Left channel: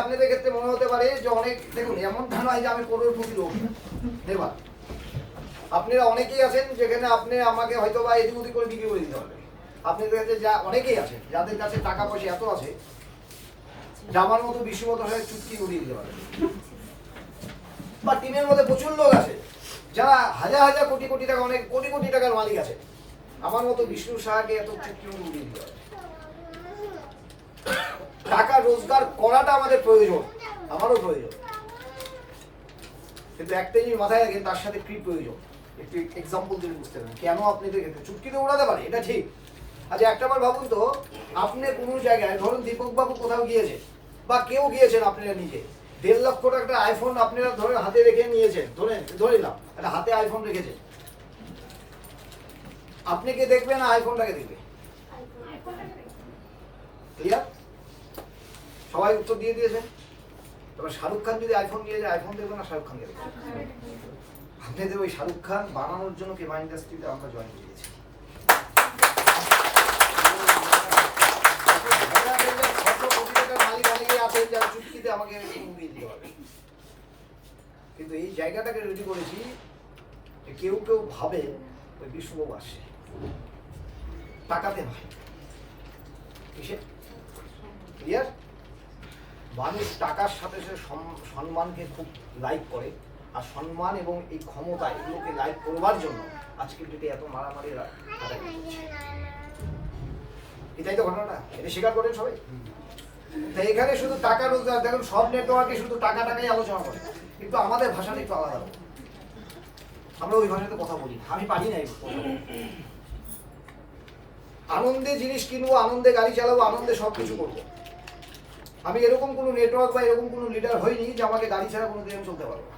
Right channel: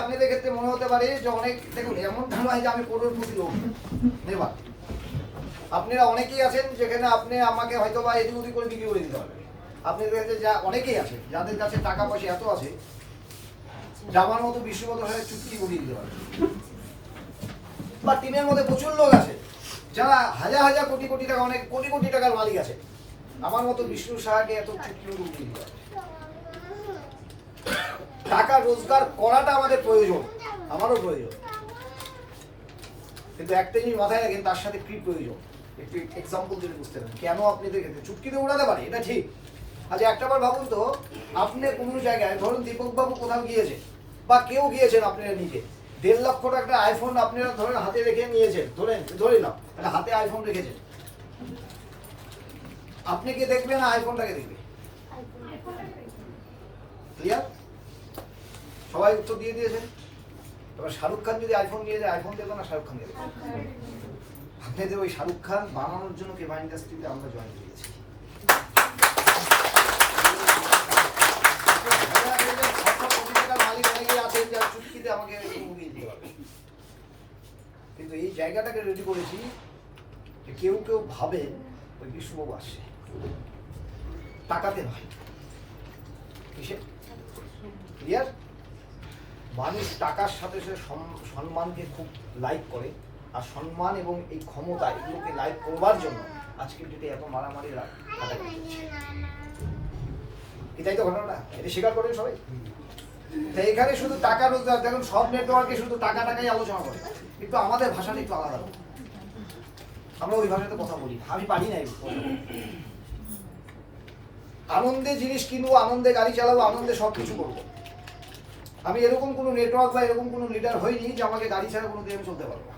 আপনাদের ক্ষেত্রে মনে হতে পারে যে অনেক, দেখুন এমন নয় যে আমি করোড়পতি লোক নেবার। আপনারা অনেকেই আছেন যেখানে আপনি আমাকে হয়তো বা এদিক ওদিক করে বিক্রি করে দিতে পারবেন। আপনাদের কাছে যা অনেকেই আছেন যাদের কাছে টাকা পয়সা এত আছে জামার মতো বিশ্বগত হয়ে চুটকি করিয়ে দিতে পারবে। বা টিমের মধ্যে প্রচুর লোক আছে যারা হাজার হাজার কোটি কোটি টাকা, অনেক কোটি কোটি টাকার মালিক আছে, আমার মতো বিষ্ণু সাহাকে এত চুটকি করিয়ে দিতে পারবে। টাকা রোজগার করাটা আমাদের প্রয়োজন, আমারও প্রয়োজন, কিন্তু একটা জিনিস মাথায় রাখেন, তার সাথে কি প্রয়োজন। একটু এক্সাম্পল দিয়ে বুঝতে পারেন কেন আপনাদের ক্ষেত্রে চুটকিতে উড়াতে পারে, এটা ঠিক। আচ্ছা একটাবার ভাবুন তো, আপনি কোনো জায়গায় ধরুন দীপক বাবু কোথাও গিয়েছে বা কেউ গিয়েছেন, আপনারা নিজে 1.5 লক্ষ টাকার আইফোন আপনারা ধরেন হাতে রেখে নিয়েছেন, ধরে নাও একটা হাতে আইফোন রেখেছেন, আপনি কি দেখবে না আইফোনটাকে দেখবে? ক্লিয়ার? সবাই উত্তর দিয়ে দিয়েছেন। এবার শাহরুখ খান যদি আইফোন নিয়ে যায়, আইফোন দেখবে না শাহরুখ খান দেখবে? আপনাদের ওই শাহরুখ খান বানানোর জন্য কেবা ইন্ডাস্ট্রিতে আমরা জয়েন করেছি। কিন্তু এই জায়গাটাকে রেডি করেছি, কেউ কেউ ভাবে ওই বিশ্ববাবু আসে টাকাতে নয়, কিসে? ক্লিয়ার? মানুষ টাকার সাথে সাথে সম্মানকে খুব লাইক করে, আর সম্মান এবং এই ক্ষমতা এগুলোকে লাইক করবার জন্য আজকের ডেটে এত মারামারি এটাই তো ঘটনা। এটা স্বীকার করেন সবাই। তাই এখানে শুধু টাকা রোজগার, দেখুন সব নেটওয়ার্কে শুধু টাকা টাকাই আলোচনা করে, কিন্তু আমাদের ভাষাটা একটু আলাদা। আমরা ওই ভাষাতে কথা বলি, আমি পারি না। আনন্দে জিনিস কিনবো, আনন্দে গাড়ি চালাবো, আনন্দে সবকিছু করবো। আমি এরকম কোনো নেটওয়ার্ক বা এরকম কোনো লিডার হইনি যে আমাকে গাড়ি ছাড়া কোনো দিন চলতে পারবো।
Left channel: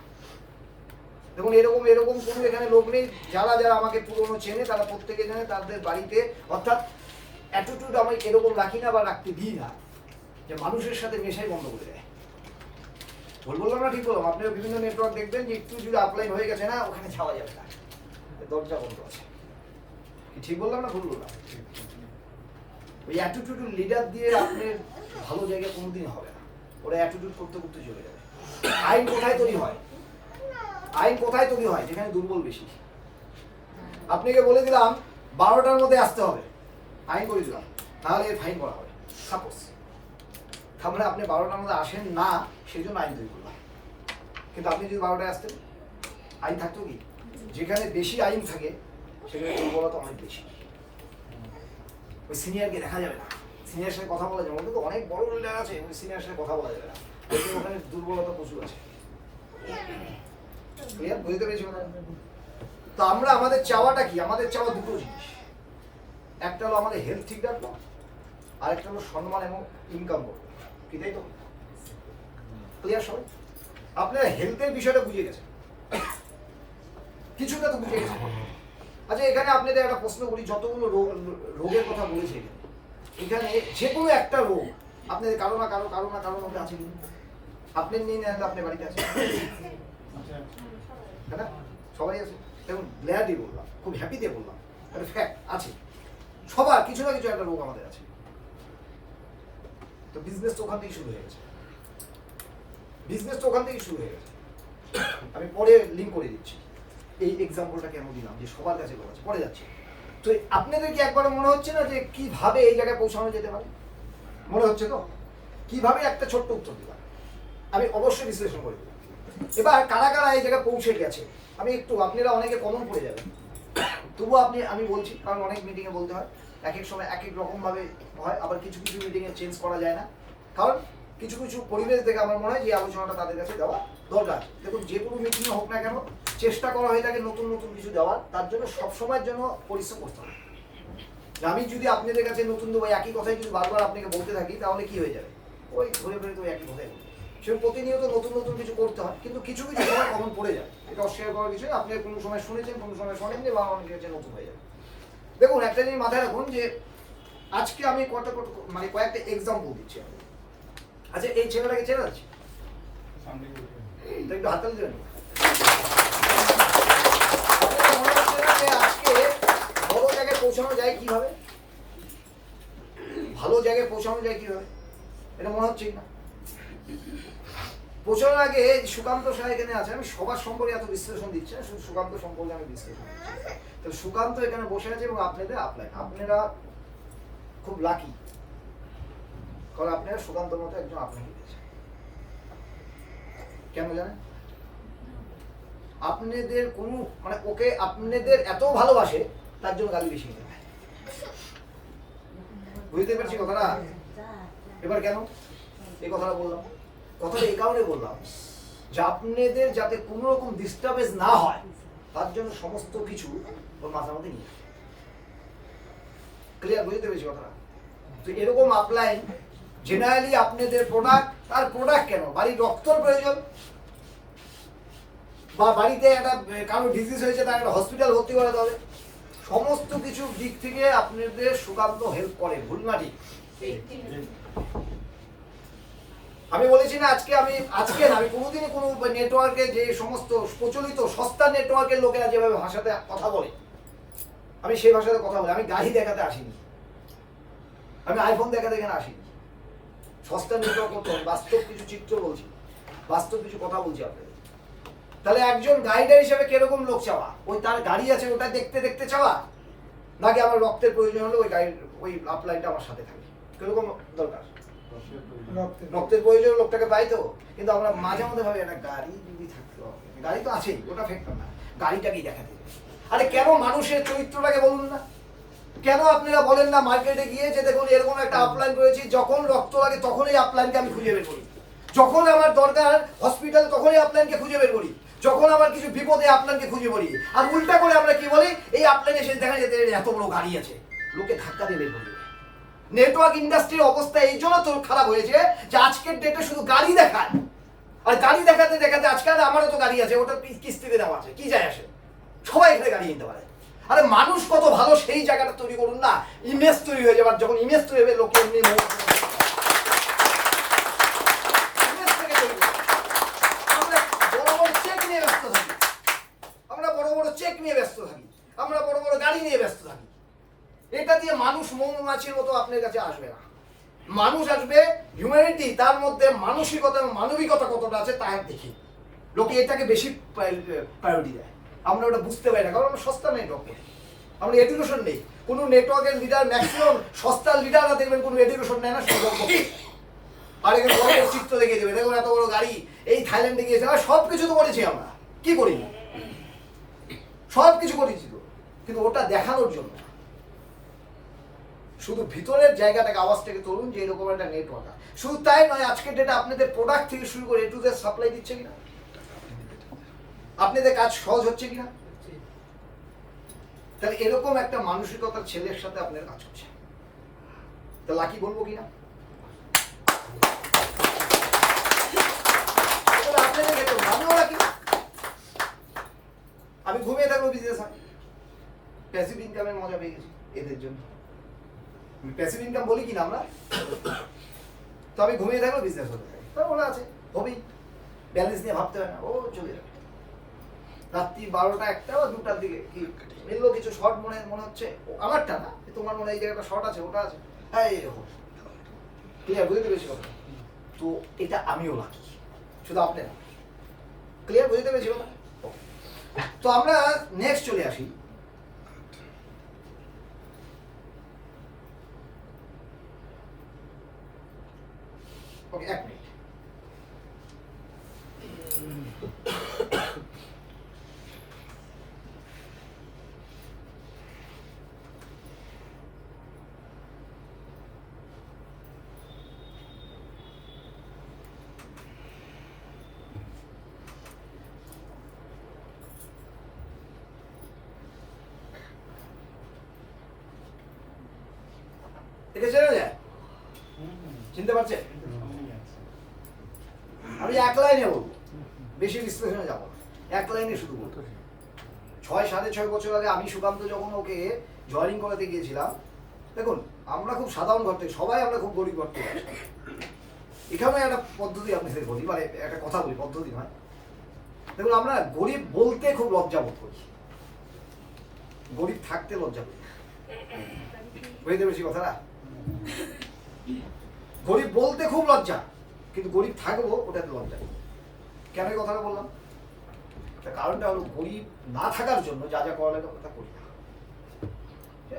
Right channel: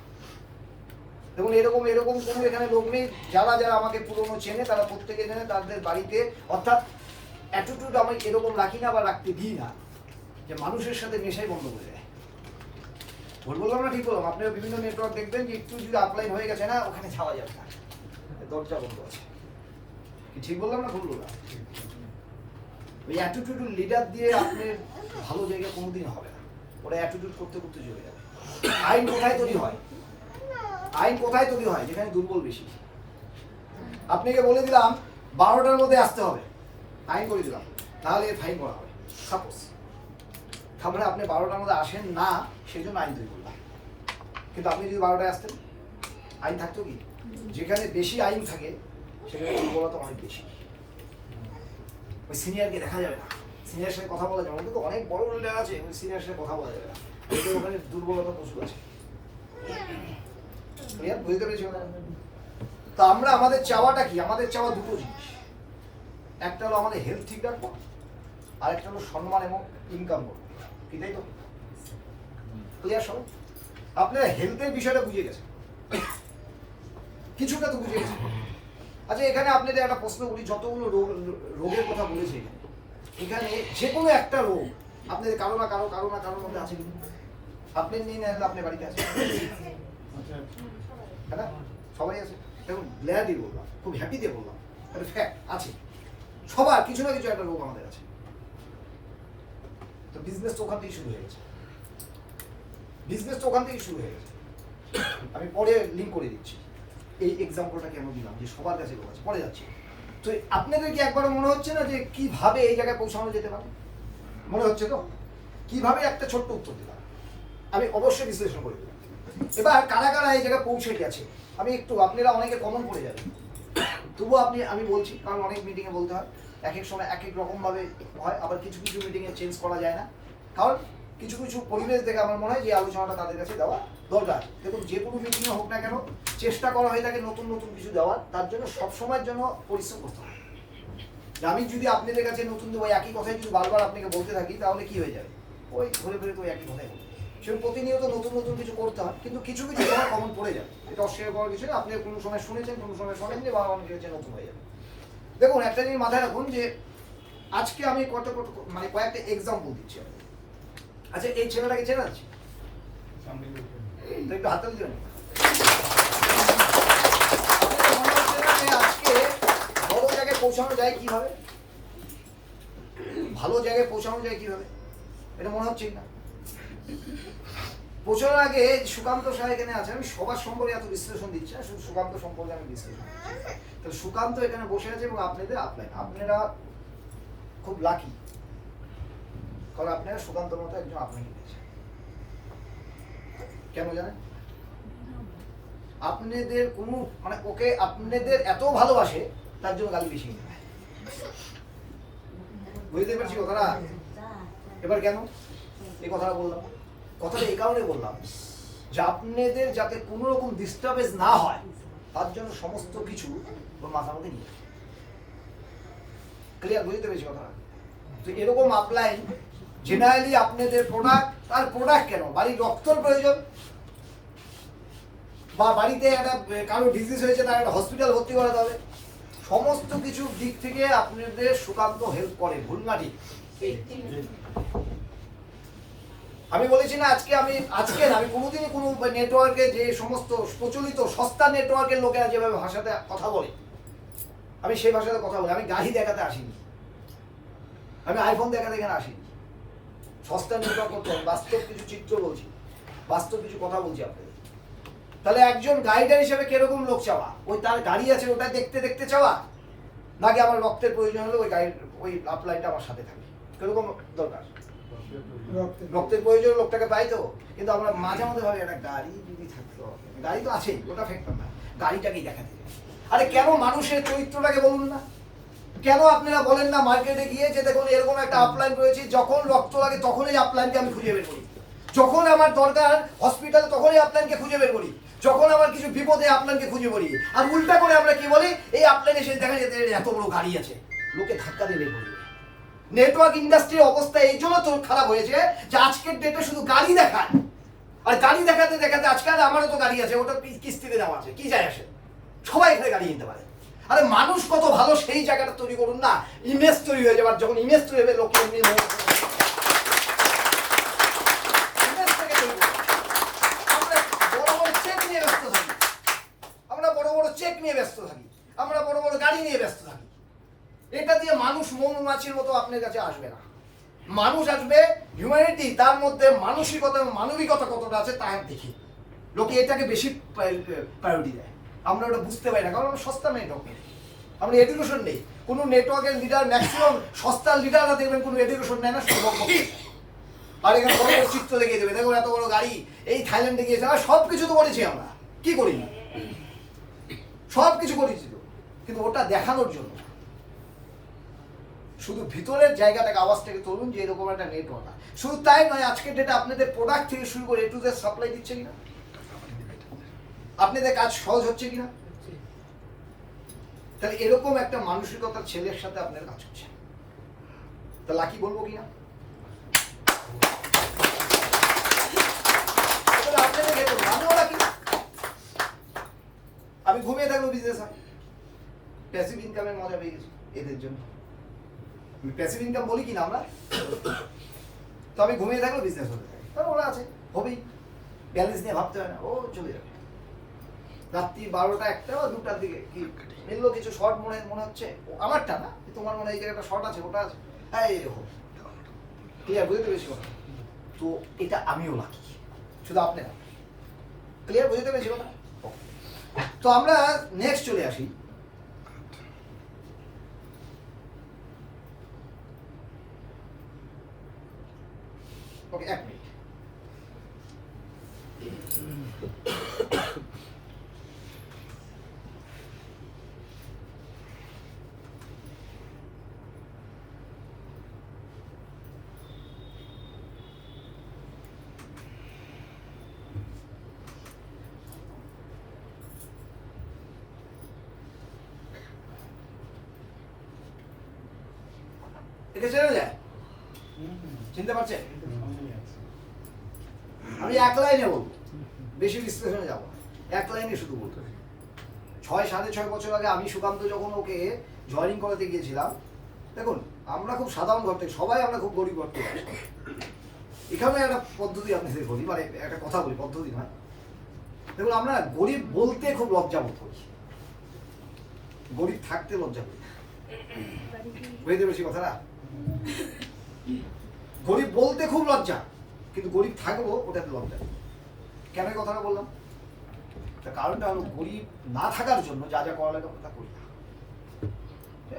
দেখুন এরকম কোনো এখানে লোক নেই। যারা যারা আমাকে পুরনো চেনে তারা প্রত্যেকে জানে তাদের বাড়িতে, অর্থাৎ অ্যাটিটিউড আমি এরকম রাখি না বা রাখতে দিই না যে মানুষের সাথে মেশাই বন্ধ করে দেয়। বললাম না ঠিক বললাম? আপনারা বিভিন্ন নেটওয়ার্ক দেখবেন যে একটু যদি আপলাইন হয়ে গেছে না, ওখানে যাওয়া যাবে না, দরজা বন্ধ আছে। কি ঠিক বললাম না ভুল বললাম? ওই অ্যাটিটিউড লিডার দিয়ে আপনার ভালো জায়গায় কোনোদিন হবে না। ওরা অ্যাটিটিউড করতে করতে চলে যাবে। আইন কোথায় তৈরি হয়? আইন কোথায় তৈরি হয়? যেখানে দুর্বল বেশি। আপনাকে বলে দিলাম 12টার মধ্যে আসতে হবে, আইন করে দিলাম, তাহলে ফাইন করা হবে। সাপোজ তার মানে আপনি 12টার মধ্যে আসেন না, সেই জন্য আইন তৈরি করলাম। কিন্তু আপনি যদি 12টায় আসতেন, আইন থাকতো কি? যেখানে বেশি আইন থাকে সেখানে দুর্বলতা অনেক বেশি। ওই সিনিয়রকে দেখা যাবে না, সিনিয়র সাথে কথা বলা যাবে না, কিন্তু অনেক বড় লিডার আছে, ওই সিনিয়র সাথে কথা বলা যাবে না, ওখানে দুর্বলতা প্রচুর আছে। বুঝতে পেরেছি? তো আমরা আমাদের চাওয়াটা কি? আমাদের চাওয়া দুটো জিনিস, একটা হলো আমাদের হেলথ ঠিক রাখবো, আর একটা হলো সম্মান এবং ইনকাম করবো। কি তাই তো? ক্লিয়ার সবাই? আপনারা হেলথের বিষয়টা বুঝে গেছেন, কিছুটা তো বুঝে গেছেন। আচ্ছা এখানে আপনাদের একটা প্রশ্ন করি, যতগুলো রোগের কথা বলেছি এখানে যে কোনো একটা রোগ আপনাদের কারো না কারোর মধ্যে আছে কিন্তু আপনি নিয়ে নেন, আপনার বাড়িতে আছে, তাই না? সবাই আছে। দেখুন গ্ল্যাডলি বললাম, খুব হ্যাপি দিয়ে বললাম, একটা ফ্যাক্ট আছে, সবার কিছু না কিছু একটা রোগ আমাদের আছে। তো বিজনেস তো ওখান থেকেই শুরু হয়ে গেছে, আমি পরে লিঙ্ক করে দিচ্ছি। এই এক্সাম্পলটা কেন দিলাম যে সবার কাছে কথা আছে, পরে যাচ্ছি। তো আপনাদের কি একবারও মনে হচ্ছে না যে কিভাবে এই জায়গায় পৌঁছানো যেতে পারে? মনে হচ্ছে তো? কিভাবে? একটা ছোট্ট উত্তর দিলাম, আমি অবশ্যই বিশ্লেষণ করে দিলাম। এবার কারা কারা এই জায়গায় পৌঁছে গেছে আমি একটু, আপনারা অনেকে কমন পড়ে যাবেন, তবুও আমি বলছি, কারণ অনেক মিটিংয়ে বলতে হয়, এক এক সময় এক এক রকম ভাবে হয়, আবার কিছু কিছু মিটিংয়ে চেঞ্জ করা যায় না, কারণ কিছু কিছু পরিবেশ দেখে আমার মনে হয় যে আলোচনাটা তাদের কাছে দেওয়া দরকার। দেখুন যে কোনো মিটিংয়ে হোক না কেন, চেষ্টা করা হয়ে থাকে নতুন নতুন কিছু দেওয়ার, তার জন্য সবসময়ের জন্য পরিশ্রম করতে হবে। আমি যদি আপনাদের কাছে নতুন দেবো, একই কথাই যদি বারবার আপনাকে বলতে থাকি, তাহলে কি হয়ে যাবে? ওই ঘুরে ঘুরে তো একই কথাই, সে প্রতিনিয়ত নতুন নতুন কিছু করতে হয়, কিন্তু কিছু কিছু সময় কমন পড়ে যাবে, এটা অস্বীকার করার বিষয়। আপনি কোনো সময় শুনেছেন, কোনো সময় শোনেননি, বা অনেকের কাছে নতুন হয়ে যাবে। দেখুন একটা জিনিস মাথায় রাখুন যে আজকে আমি কয়েকটা এক্সাম্পল দিচ্ছি। আচ্ছা এই ছেলেটাকে চেনা যাচ্ছে? একটু হাত তালি দেবেন। আজকে বড় জায়গায় পৌঁছানো যায় কিভাবে, ভালো জায়গায় পৌঁছানো যায় কিভাবে, এটা মনে হচ্ছে না? প্রচলন আগে সুকান্ত শাহ এখানে আছে, আমি সবার সম্পর্কে এত বিশ্লেষণ দিচ্ছি না, শুধু সুকান্ত সম্পর্কে আমি বিশ্লেষণ দিচ্ছি। তাহলে সুকান্ত এখানে বসে আছে এবং আপনাদের আপলাইন, আপনারা খুব লাকি, কারণ আপনারা সুকান্তর মতো একজন আপনাকে পেয়েছেন। কেন জানেন? আপনাদের কোনো মানে ওকে আপনাদের এত ভালোবাসে তার জন্য গালি বেশি দেবে। বুঝতে পেরেছি কথাটা? এবার কেন এই কথাটা বললাম? কথাটা এই কারণে বললাম যে আপনাদের যাতে কোনো রকম ডিস্টার্বেন্স না হয় তার জন্য সমস্ত কিছু ওর মাথার মধ্যে নিয়ে ক্লিয়ার। বুঝতে পেরেছি কথাটা? তো এরকম আপলাইন জেনারেলি আপনাদের প্রোডাক্ট, আর প্রোডাক্ট কেন, বাড়ির রক্তর প্রয়োজন বা বাড়িতে একটা কারো ডিজিজ হয়েছে তার একটা হসপিটাল ভর্তি করাতে হবে, সমস্ত কিছু দিক থেকে আপনাদের সুকান্ত হেল্প করে। ভুল না ঠিক? আমি বলেছি না আজকে আমি কোনোদিনই কোনো নেটওয়ার্কে যে সমস্ত প্রচলিত সস্তা নেটওয়ার্কের লোকেরা যেভাবে ভাষাতে কথা বলে আমি সেই ভাষাতে কথা বলি। আমি গাড়ি দেখাতে আসিনি, আমি আইফোন দেখাতে এখানে আসিনি, সস্তা নেটওয়ার্ক করতে হবে। বাস্তব কিছু চিত্র বলছি, বাস্তব কিছু কথা বলছি আপনাদের। তাহলে একজন গাইডার হিসেবে কিরকম লোক চাওয়া? ওই তার গাড়ি আছে ওটা দেখতে দেখতে চাওয়া, নাকি আমার রক্তের প্রয়োজন হলে ওই গাইড ওই আপলাইনটা আমার সাথে থাকে? কিরকম দরকার? রক্তের প্রয়োজন লোকটাকে পাই তো, কিন্তু আমরা মাঝে মধ্যে ভাবি একটা গাড়ি যদি থাকতো, গাড়ি তো আছেই, ওটা ফেকতাম না, গাড়িটাকেই দেখাতে। আরে কেন মানুষের চরিত্রটাকে বলুন না? কেন আপনারা বলেন না মার্কেটে গিয়ে যে দেখুন এরকম একটা আপলাইন রয়েছে, যখন রক্ত লাগে তখনই আপলাইনকে আমি খুঁজে বের করি, যখন আমার দরকার হসপিটালে তখনই আপলাইনকে খুঁজে বের করি, যখন আমার কিছু বিপদে আপলাইনকে খুঁজে বেরি। আর উল্টা করে আমরা কি বলি, এই আপলাইনে এসে দেখা যেতে এত বড় গাড়ি আছে, লোকে ধাক্কা দিয়ে বের করে দেবে। নেটওয়ার্ক ইন্ডাস্ট্রির অবস্থা এই জন্য তো খারাপ হয়েছে যে আজকের ডেটে শুধু গাড়ি দেখায়, আর গাড়ি দেখাতে দেখাতে আজকাল আমারও তো গাড়ি আছে, ওটা কিস্তিতে দেওয়া আছে, কি যায় আসে, সবাই এখানে গাড়ি নিতে পারে। আরে মানুষ কত ভালো সেই জায়গাটা তৈরি করুন না, ইমেজ তৈরি হয়ে যাবে। যখন ইমেজ তৈরি হবে লোকে এমনি আমরা বড় বড় চেক নিয়ে ব্যস্ত থাকি, আমরা বড় বড় গাড়ি নিয়ে ব্যস্ত থাকি। এটা দিয়ে মানুষ মৌমাছির মতো আপনার কাছে আসবে না। মানুষ আসবে হিউম্যানিটি, তার মধ্যে মানসিকতা এবং মানবিকতা কতটা আছে তা দেখি। লোকে এটাকে বেশি প্রায়োরিটি দেয়, আমরা ওটা বুঝতে পারি না, কারণ আমরা সস্তা নেটওয়ার্ক, আমরা এডুকেশন নেই। কোনো নেটওয়ার্কের লিডার ম্যাক্সিমাম সস্তার লিডাররা দেখবেন কোনো এডুকেশন নেয় না, শুধু বক্তব্য। আর এখানে বড় বড় চিত্র দেখিয়ে দেবে, দেখুন এত বড় গাড়ি, এই থাইল্যান্ডে গিয়েছে, আর সব কিছু তো করেছি আমরা, কি করিনি? সব কিছু করেছি তো, কিন্তু ওটা দেখানোর জন্য। শুধু ভিতরের জায়গাটাকে আওয়াজটাকে তুলুন যে এরকম একটা নেটওয়ার্ক। শুধু তাই নয়, আজকের ডেটে আপনাদের প্রোডাক্ট থেকে শুরু করে এ টু জেড সাপ্লাই দিচ্ছে কিনা, আপনাদের কাজ সহজ হচ্ছে কিনা। তাহলে এরকম একটা মানসিকতার ছেলের সাথে আপনার কাজ হচ্ছে, তা লাকি বলবো কিনা? আপনাদের দেখুন আমিও লাকি। আমি ঘুমিয়ে থাকবো বিজনেস হয়, প্যাসিভ ইনকামের মজা পেয়ে গেছি এদের জন্য। প্যাসিভ ইনকাম বলি কিনা আমরা, তো আমি ঘুমিয়ে থাকবো বিজনেস হতে থাকে, ওরা আছে হবেই, ব্যালেন্স নিয়ে ভাবতে হয় না, ও চলে যাবে। রাত্রি 12টা 1টা বা 2টার দিকে কি মিললো কিছু শর্ট মনে হচ্ছে, আমারটা না, তোমার মনে এই জায়গাটা শর্ট আছে, ওটা আছে, হ্যাঁ এরকম ক্লিয়ার। বুঝতে পেরেছি কথা? তো এটা আমিও লাকি, শুধু আপনি না। ক্লিয়ার? বুঝতে পেরেছি কথা? তো আমরা নেক্সট চলে আসি। ওকে, 1 মিনিট। এটা চেনা যায়, চিনতে পারছেন? আমি এক লাইনে বলবো, বেশি বিশ্লেষণে যাবো না, এক লাইনে শুধু বলবো। 6-6.5 বছর আগে আমি সুকান্ত যখন ওকে জয়েনিং করাতে গিয়েছিলাম, দেখুন আমরা খুব সাধারণ ঘর থেকে, সবাই আমরা খুব গরিব ঘর থেকে। এখানে একটা পদ্ধতি আপনাদের বলি, মানে একটা কথা বলি, পদ্ধতি নয়। দেখুন আমরা গরিব বলতে খুব লজ্জা বোধ করি, গরিব থাকতে লজ্জা করি। বুঝতে পেরেছি কথাটা? গরিব বলতে খুব লজ্জা, কিন্তু গরিব থাকবো ওটাতে লজ্জা নেই। কেন এই কথাটা বললাম? তার কারণটা হলো গরিব না থাকার জন্য যা যা করা লাগে আমরা তা করি না।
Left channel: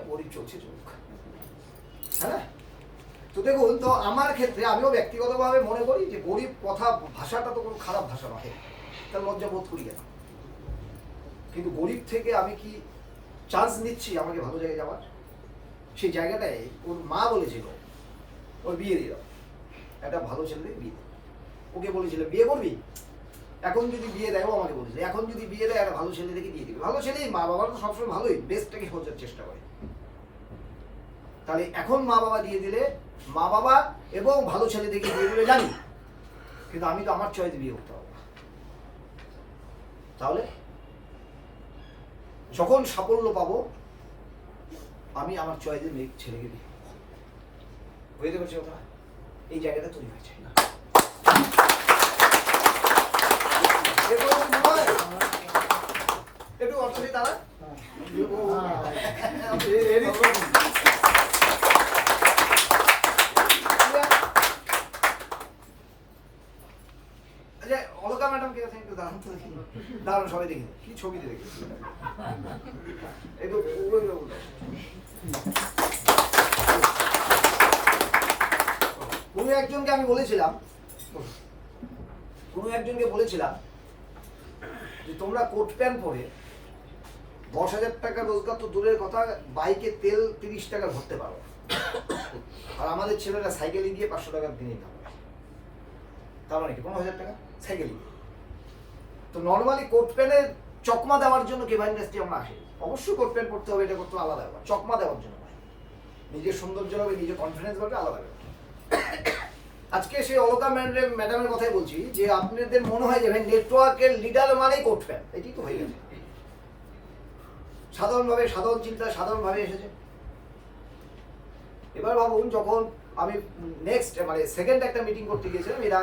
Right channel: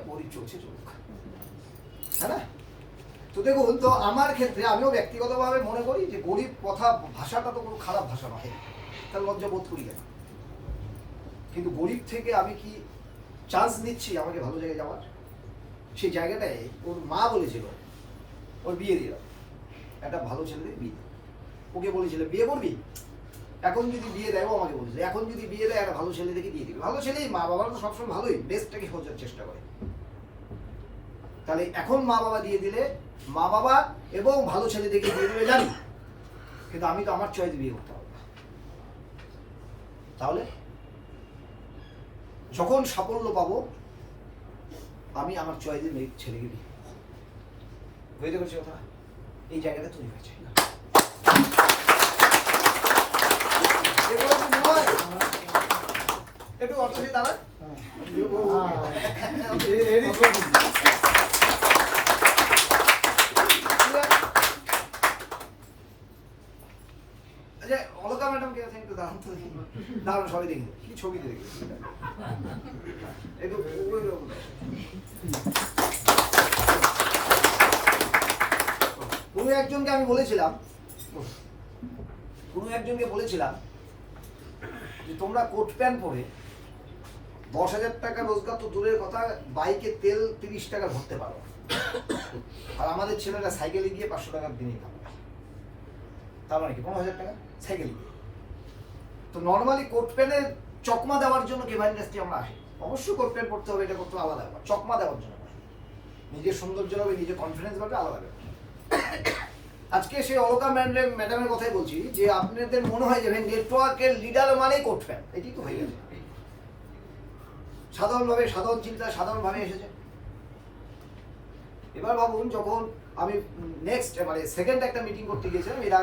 গরিব চলছে চলুক, হ্যাঁ। তো দেখুন, তো আমার ক্ষেত্রে আমিও ব্যক্তিগতভাবে মনে করি যে গরিব কথা ভাষাটা তো কোনো খারাপ ভাষা নয়, তার লজ্জা বোধ করি কেন? কিন্তু গরিব থেকে আমি কি চান্স নিচ্ছি আমাকে ভালো জায়গায় যাওয়ার? সেই জায়গাটায় ওর মা বলেছিল ওর বিয়ে দিয়ে দাও, একটা ভালো ছেলে বিয়ে। ওকে বলেছিল বিয়ে করবি, এখন যদি বিয়ে দেয়, ও আমাকে বলেছিল এখন যদি বিয়ে দেয় একটা ভালো ছেলে দেখে দিয়ে দিবে। ভালো ছেলেই, মা বাবারা তো সবসময় ভালোই বেস্টটাকে খোঁজার চেষ্টা করে। তাহলে এখন মা বাবা দিয়ে দিলে, মা বাবা এবং ভালো ছেলে দেখে দিয়ে দিলে জানি, কিন্তু আমি তো আমার চয়েস বিয়ে করতে হবে। তাহলে যখন সাফল্য পাবো আমি আমার চয়েসের মেয়ে ছেলেকে বিয়ে করবো। বুঝতে পারছি কথা? এই জায়গাটা তৈরি হয়েছে। একটু অর্থ দিয়ে দাঁড়া। আচ্ছা, অলকা ম্যাডাম কে একটু দাঁড়ান তো, দাঁড়ান সবাই দেখি কি ছবিতে দেখি একটু। কোনো একজনকে আমি বলেছিলাম, যে তোমরা কোট প্যান্ট পরে 10,000 টাকা রোজগার তো দূরের কথা, বাইকে তেল 30 টাকা ভরতে পারো, আর আমাদের ছেলেরা সাইকেলে গিয়ে 500 টাকার দিনে কামায়। তার মানে কি 15,000 টাকা সাইকেলে গিয়ে? তো নর্মালি কোট প্যান্টের চকমা দেওয়ার জন্য কেভা ইন্ডাস্ট্রি আমরা আসি। অবশ্যই কোট প্যান্ট পড়তে হবে, এটা করতে হবে আলাদা ব্যাপার, চকমা দেওয়ার জন্য নিজের সৌন্দর্য হবে, নিজের কনফিডেন্স বাড়বে, আলাদা ব্যাপার। আজকে সেই অলকা ম্যাডামের কথাই বলছি যে আপনাদের মনে হয় যে ভাই নেটওয়ার্কের লিডার মানেই কোট প্যান্ট, এটি তো হয়ে গেছে। সাধারণভাবে, সাধারণ চিন্তা সাধারণভাবে এসেছে। এবার ভাবুন, যখন আমি নেক্সট মানে সেকেন্ড একটা মিটিং করতে গিয়েছিলাম, এর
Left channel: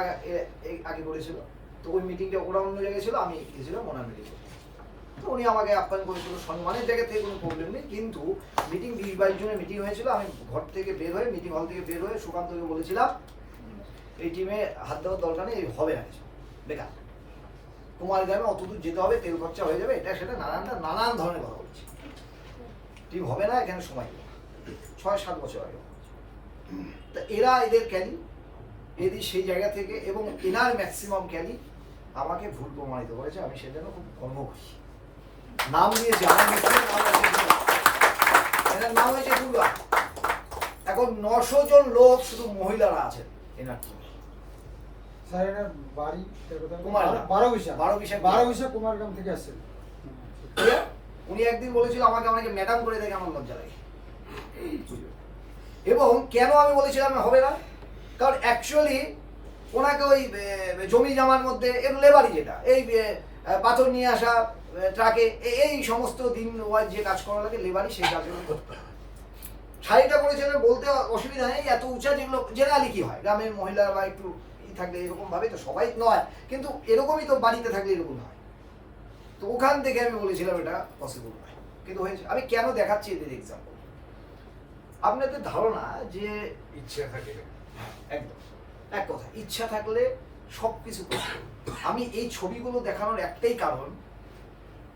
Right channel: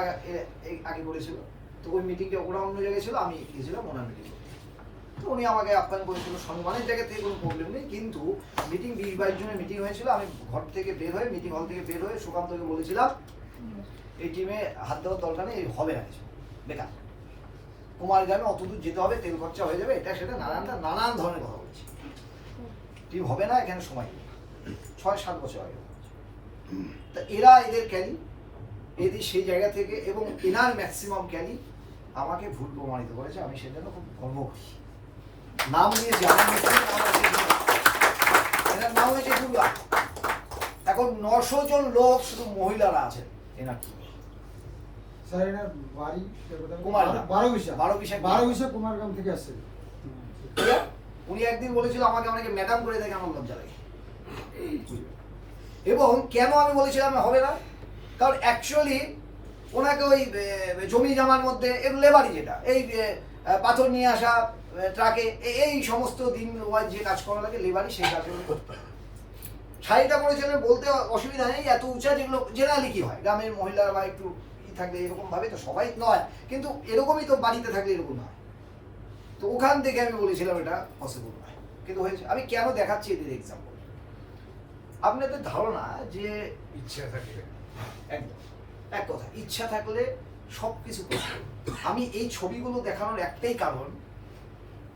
আগে করেছিল, তো ওই মিটিংটা ওরা অন্য জায়গায় ছিল, আমি গিয়েছিলাম ওনার মিটিং করতে। তো উনি আমাকে আপ্যায়ন করেছিল, সম্মানের জায়গা থেকে কোনো প্রবলেম নেই, কিন্তু মিটিং 20-22 জনের মিটিং হয়েছিল। আমি ঘর থেকে বের হয়ে, মিটিং হল থেকে বের হয়ে সুকান্তকে বলেছিলাম এই টিমে হাত দেওয়ার দরকার নেই, হবে না কিছু, বেকার। কুমারগ্রামে অত দূর যেতে হবে, তেল খরচা হয়ে যাবে, এটা সেটা নানান ধরনের কথা বলছি। টিম হবে না, এখানে সময় নেই। 6-7 বছর আগে। তা এরা এদের ক্যালি, এদের সেই জায়গা থেকে, এবং এনার ম্যাক্সিমাম ক্যালি আমাকে ভুল প্রমাণিত করেছে। আমি সেজন্য খুব গর্ব করি। নাম দিয়েছি আমার এনার নাম হয়েছে দুর্গা। এখন 900 জন লোক শুধু মহিলারা আছেন এনার টিমে। কুমারগ্রাম থেকে আসছে। উনি একদিন বলেছিল আমাকে অনেকে ম্যাডাম করে দেখে আমার লজ্জা লাগে। এবং কেন আমি বলেছিলাম হবে না, কারণ অ্যাকচুয়ালি ওনাকে ওই জমি জামার মধ্যে লেবারি, যেটা এই পাথর নিয়ে আসা ট্রাকে, এই সমস্ত দিন যে কাজ করা লাগে লেবারি, সেই কাজগুলো করতে। শাড়িটা পরেছিলেন বলতে অসুবিধা নেই, এত উঁচা যেগুলো জেনারেলি কি হয় গ্রামের মহিলা বা একটু থাকলে এরকম ভাবে, তো সবাই নয়, কিন্তু এরকমই তো বাড়িতে থাকলে এরকম হয়। তো ওখান থেকে আমি বলেছিলাম এটা পসিবল নয়, কিন্তু হয়েছে। আমি কেন দেখাচ্ছি এদের এক্সাম্পল, আপনাদের ধারণা যে ইচ্ছা থাকে, একদম এক কথা, ইচ্ছা থাকলে সবকিছু করতে। আমি এই ছবিগুলো দেখানোর একটাই কারণ,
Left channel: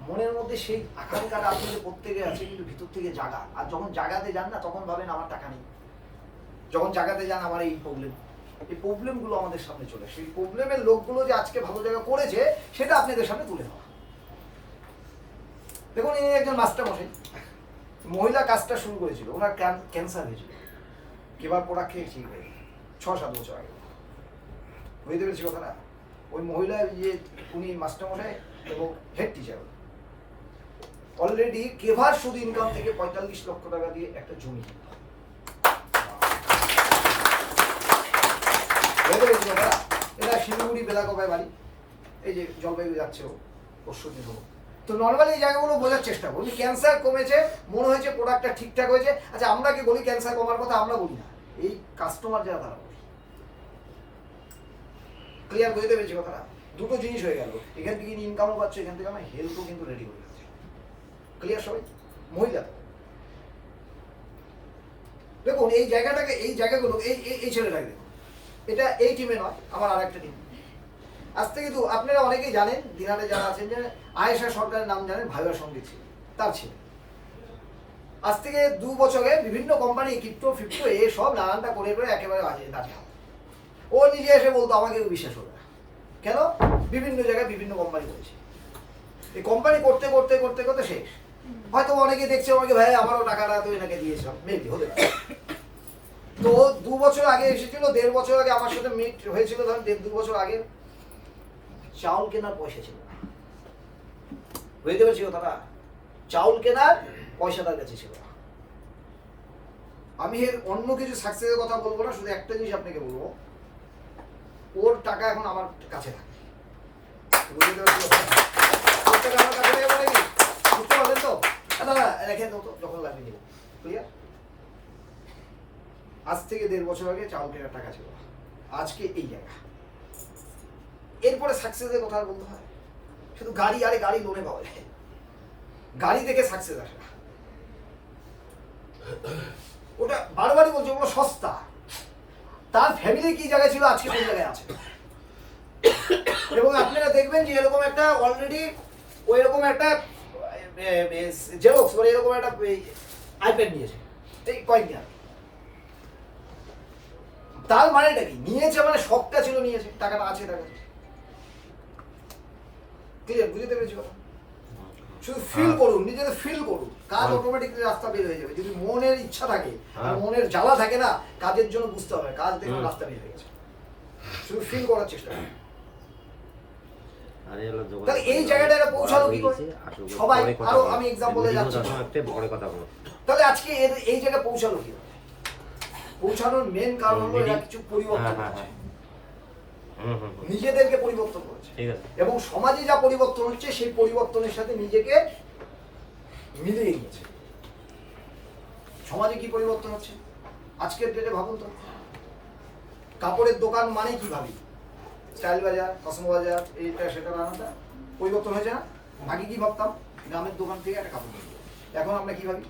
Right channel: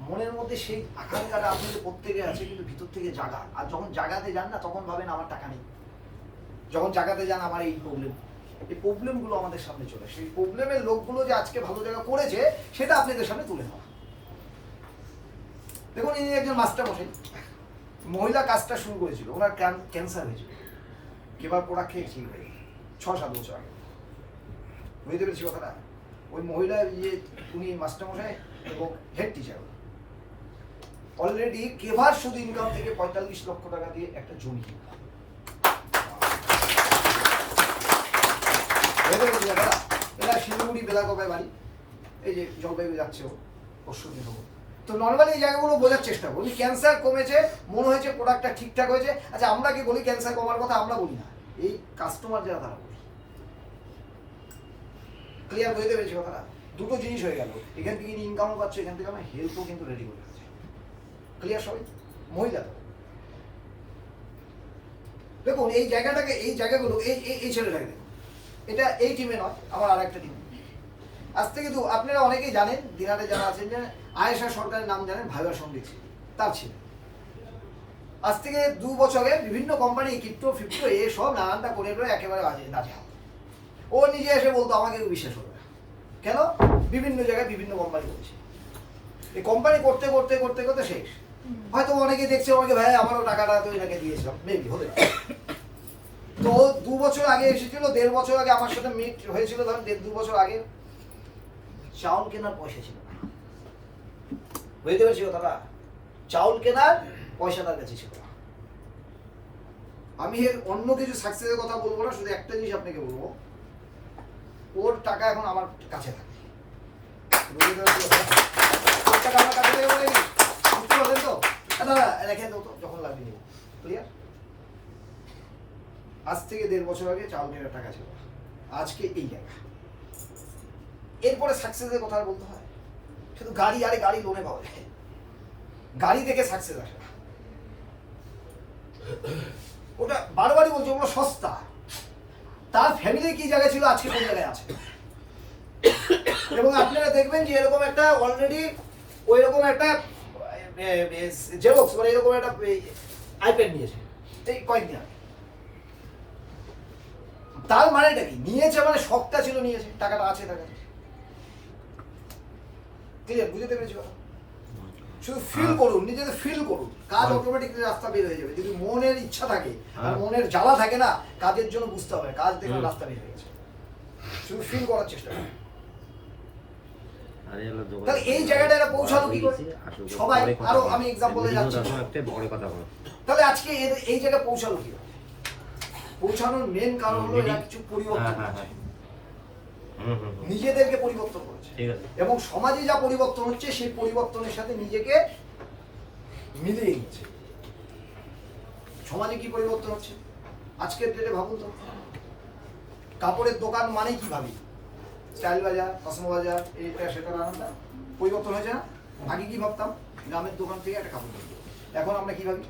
মনের মধ্যে সেই আকাঙ্ক্ষাটা আপনাদের প্রত্যেকে আছে, কিন্তু ভিতর থেকে জাগা। আর যখন জাগাতে যান না, তখন ভাবেন আমার টাকা নেই। যখন জাগাতে যান আমার এই প্রবলেম, এই প্রবলেমগুলো আমাদের সামনে চলে আসে। সেই প্রবলেমের লোকগুলো যে আজকে ভালো জায়গা করেছে, সেটা আপনাদের সামনে তুলে ধরা। দেখুন, ইনি একজন মাস্টার মশাই, মহিলা কাজটা শুরু করেছিল, ওনার ক্যান্সার হয়েছিল, কেবার প্রোডাক্ট খেয়ে ঠিক হয়ে 6-7 বছর আগে। বুঝতে পেরেছি কথাটা? ওই মহিলা উনি মাস্টার মশাই এবং হেড টিচার, অলরেডি কেভার শুধু ইনকাম থেকে 45 লক্ষ টাকা দিয়ে একটা জমি কিনল। এরা শিলিগুড়ি বেলাগোপায় বাড়ি, এই যে জলপাইগুড়ি যাচ্ছে পরশু দিন। তো নর্মালি এই জায়গাগুলো বোঝার চেষ্টা করি। ক্যান্সার কমেছে, মনে হয়েছে প্রোডাক্টটা ঠিকঠাক হয়েছে। আচ্ছা, আমরা কি বলি ক্যান্সার কমার কথা? আমরা বলি না, এই কাস্টমার যারা তারা বলি। ক্লিয়ার বুঝতে পেরেছি কথাটা? দুটো জিনিস হয়ে গেল, এখান থেকে ইনকামও পাচ্ছে, এখান থেকে আমার হেল্পও কিন্তু রেডি হয়ে যাচ্ছে। ক্লিয়ার সবাই? মহিলা তো দেখুন এই জায়গাটাকে, এই জায়গাগুলো, এই ছেলেটাকে দেখুন, এটা এই টিমে নয়, আমার আরেকটা টিম। আজ থেকে আপনারা অনেকেই জানেন, দিনাতে যারা আছেন যে আয়েশা সরকারের নাম জানেন, ভাইবার সঙ্গে ছিল, তার ছিল। আজ থেকে 2 বছর আগে বিভিন্ন কোম্পানি ক্রিপ্টো ফিপ্টো এ সব নানানটা করে একেবারে বাজে দাঁড়িয়ে। ও নিজে এসে বলতো, আমাকে বিশ্বাস হবে না। কেন? বিভিন্ন জায়গায় বিভিন্ন কোম্পানি রয়েছে, এই কোম্পানি করতে করতে করতে করতে শেষ। হয়তো অনেকে দেখছে, অনেকে ভাই আমারও টাকাটা তো এনাকে দিয়েছিলাম, মেবি হতে পারে। তো 2 বছর আগে এসেছিল, 1.5 বছর আগে আমার সাথে মিট হয়েছিল, ধরেন 1.5-2 বছর আগে চাউল কেনার পয়সা ছিল না। বুঝতে পারছি কথাটা? চাউল কেনার পয়সা তার কাছে ছিল না। আমি এর অন্য কিছু সাকসেসের কথা বলবো না, শুধু একটা জিনিস আপনাকে বলবো, ওর টাকা এখন আমার কাছে থাকে। বুঝতে পারছি কথা? ওর টাকা আমার কাছে থাকে বলে নি, বুঝতে পারলেন তো? দাদা রেখে দাও তো, যখন লাগবে নিব। ক্লিয়ার? আজ থেকে 1.5 বছর আগে চাউল কেনার টাকা ছিল, আজকে এই জায়গা। এরপরে সাকসেসের কথা বলতে হয়, শুধু গাড়ি, আরে গাড়ি লোনে পাওয়া যায়, গাড়ি দেখে সাকসেস আসে না। ওটা বারবারই বলছি, ওগুলো সস্তা। তার ফ্যামিলি কি জায়গায় ছিল, আজকে কোন জায়গায় আছে। এবং আপনারা দেখবেন যে এরকম একটা অলরেডি ওই রকম একটা জেরক্স, মানে এরকম একটা আইপ্যাড নিয়েছে এই কয়েকদিন আগে। তার মানেটা কি? নিয়েছে মানে সবটা ছিল, নিয়েছে, টাকাটা আছে টাকা। ক্লিয়ার? বুঝতে পেরেছি কথা? শুধু ফিল করুন, নিজেদের ফিল করুন, কাজ অটোমেটিকলি রাস্তা বের হয়ে যাবে। যদি মনের ইচ্ছা থাকে আর মনের জ্বালা থাকে না, কাজের জন্য বুঝতে হবে, কাজ দেখবেন রাস্তা বের হয়ে গেছে। শুধু ফিল করার চেষ্টা করুন। তাহলে এই জায়গাটা পৌঁছালো কি করে সবাই? আরো আমি এক্সাম্পলে যাচ্ছি। তাহলে আজকে এই জায়গায় পৌঁছালো কি? পৌঁছানোর মেন কারণ হলো এরা কিছু পরিবর্তন করেছে, নিজেদেরকে পরিবর্তন করেছে, এবং সমাজে যা পরিবর্তন হচ্ছে সেই পরিবর্তনের সাথে নিজেকে মিলিয়ে নিয়েছে। সমাজে কি পরিবর্তন হচ্ছে আজকের ডেটে ভাবুন তো। কাপড়ের দোকান মানে কি ভাবি? স্টাইল বাজার, কসমো বাজার, এইটা সেটা নানানটা পরিবর্তন হয়েছে না? আগে কি ভাবতাম? গ্রামের দোকান থেকে একটা কাপড় কিনবো। এখন আমরা কি ভাবি?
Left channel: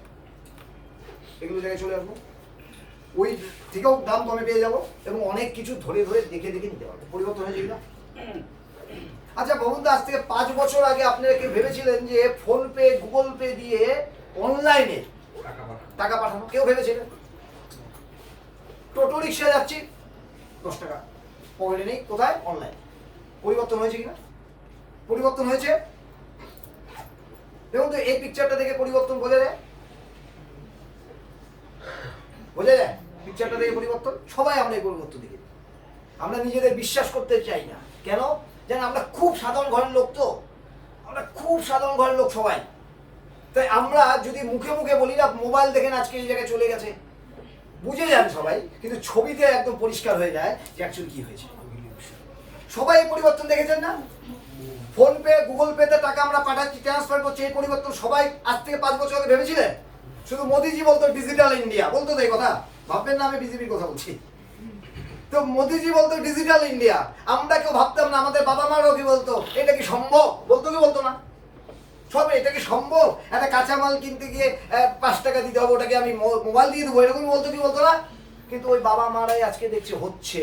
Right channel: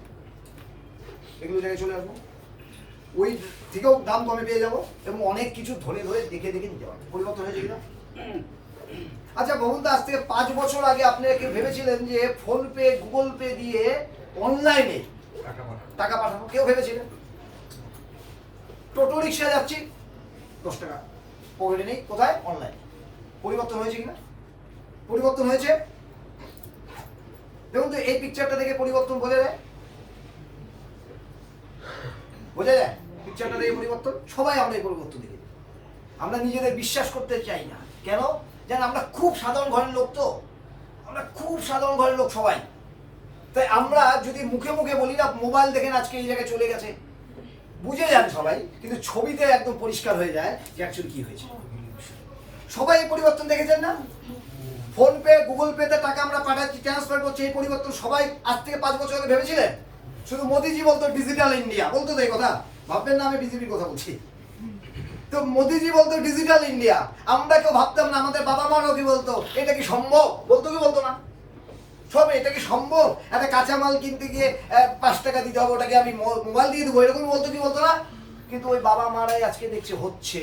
এগুলো জায়গায় চলে আসবো, ওই থেকেও দাম কমে পেয়ে যাবো, এবং অনেক কিছু ধরে ধরে দেখে দেখে নিতে পারবো। পরিবর্তন হয়েছে কিনা? আচ্ছা বলুন তো, আজ থেকে 5 বছর আগে আপনারা কি ভেবেছিলেন যে ফোন পে, গুগল পে দিয়ে অনলাইনে টাকা পাঠানো? কেউ ভেবেছিলেন? টোটো রিক্সায় যাচ্ছি, 10 টাকা পকেটে নেই, কোথায়? অনলাইন। পরিবর্তন হয়েছে কিনা? পরিবর্তন হয়েছে। দেখুন তো, এই পিকচারটা দেখে পরিবর্তন বোঝা যায়? বোঝা যায়? পিকচারটা দেখে পরিবর্তন। সবাই আমরা এই পরিবর্তন দেখে, আমরা নিজেদের বিশ্বাস করতে চাই না। কেন? জানেন, আমরা খুব সাধারণ ঘরের লোক, তো আমরা খুব সাধারণ ঘরের লোক সবাই। তাই আমরা যদি মুখে মুখে বলি না, মোবাইল দেখেন আজকে এই জায়গায় চলে গেছে, বুঝে যান সবাই, কিন্তু ছবিতে একদম পরিষ্কার হয়ে যায় যে অ্যাকচুয়ালি কি হয়েছে। সবাই এই পরিবর্তন দেখেছেন না? ফোন পে, গুগল পেতে টাকা আমরা পাঠাচ্ছি, ট্রান্সফার করছি, এই পরিবর্তন সবাই আজ থেকে 5 বছর আগে ভেবেছিলেন? শুধু মোদিজি বলতো ডিজিটাল ইন্ডিয়া, বলতো তো এই কথা, ভাববেন না আমি বিজেপির কথা বলছি। তো মোদিজি বলতো ডিজিটাল ইন্ডিয়া, আমরা কেউ ভাবতাম না। আমাদের বাবা মারাও কি বলতো, এটা কি সম্ভব? বলতো কি বলতো না? সব এটা কি সম্ভব? একটা কাঁচামাল কিনতে গিয়ে 5 টাকা দিতে হবে, ওটাকে আমি মোবাইল দিয়ে দেবো, এরকম বলতো কি বলতো না? কিন্তু ওই বাবা মারাই আজকে দেখছে হচ্ছে,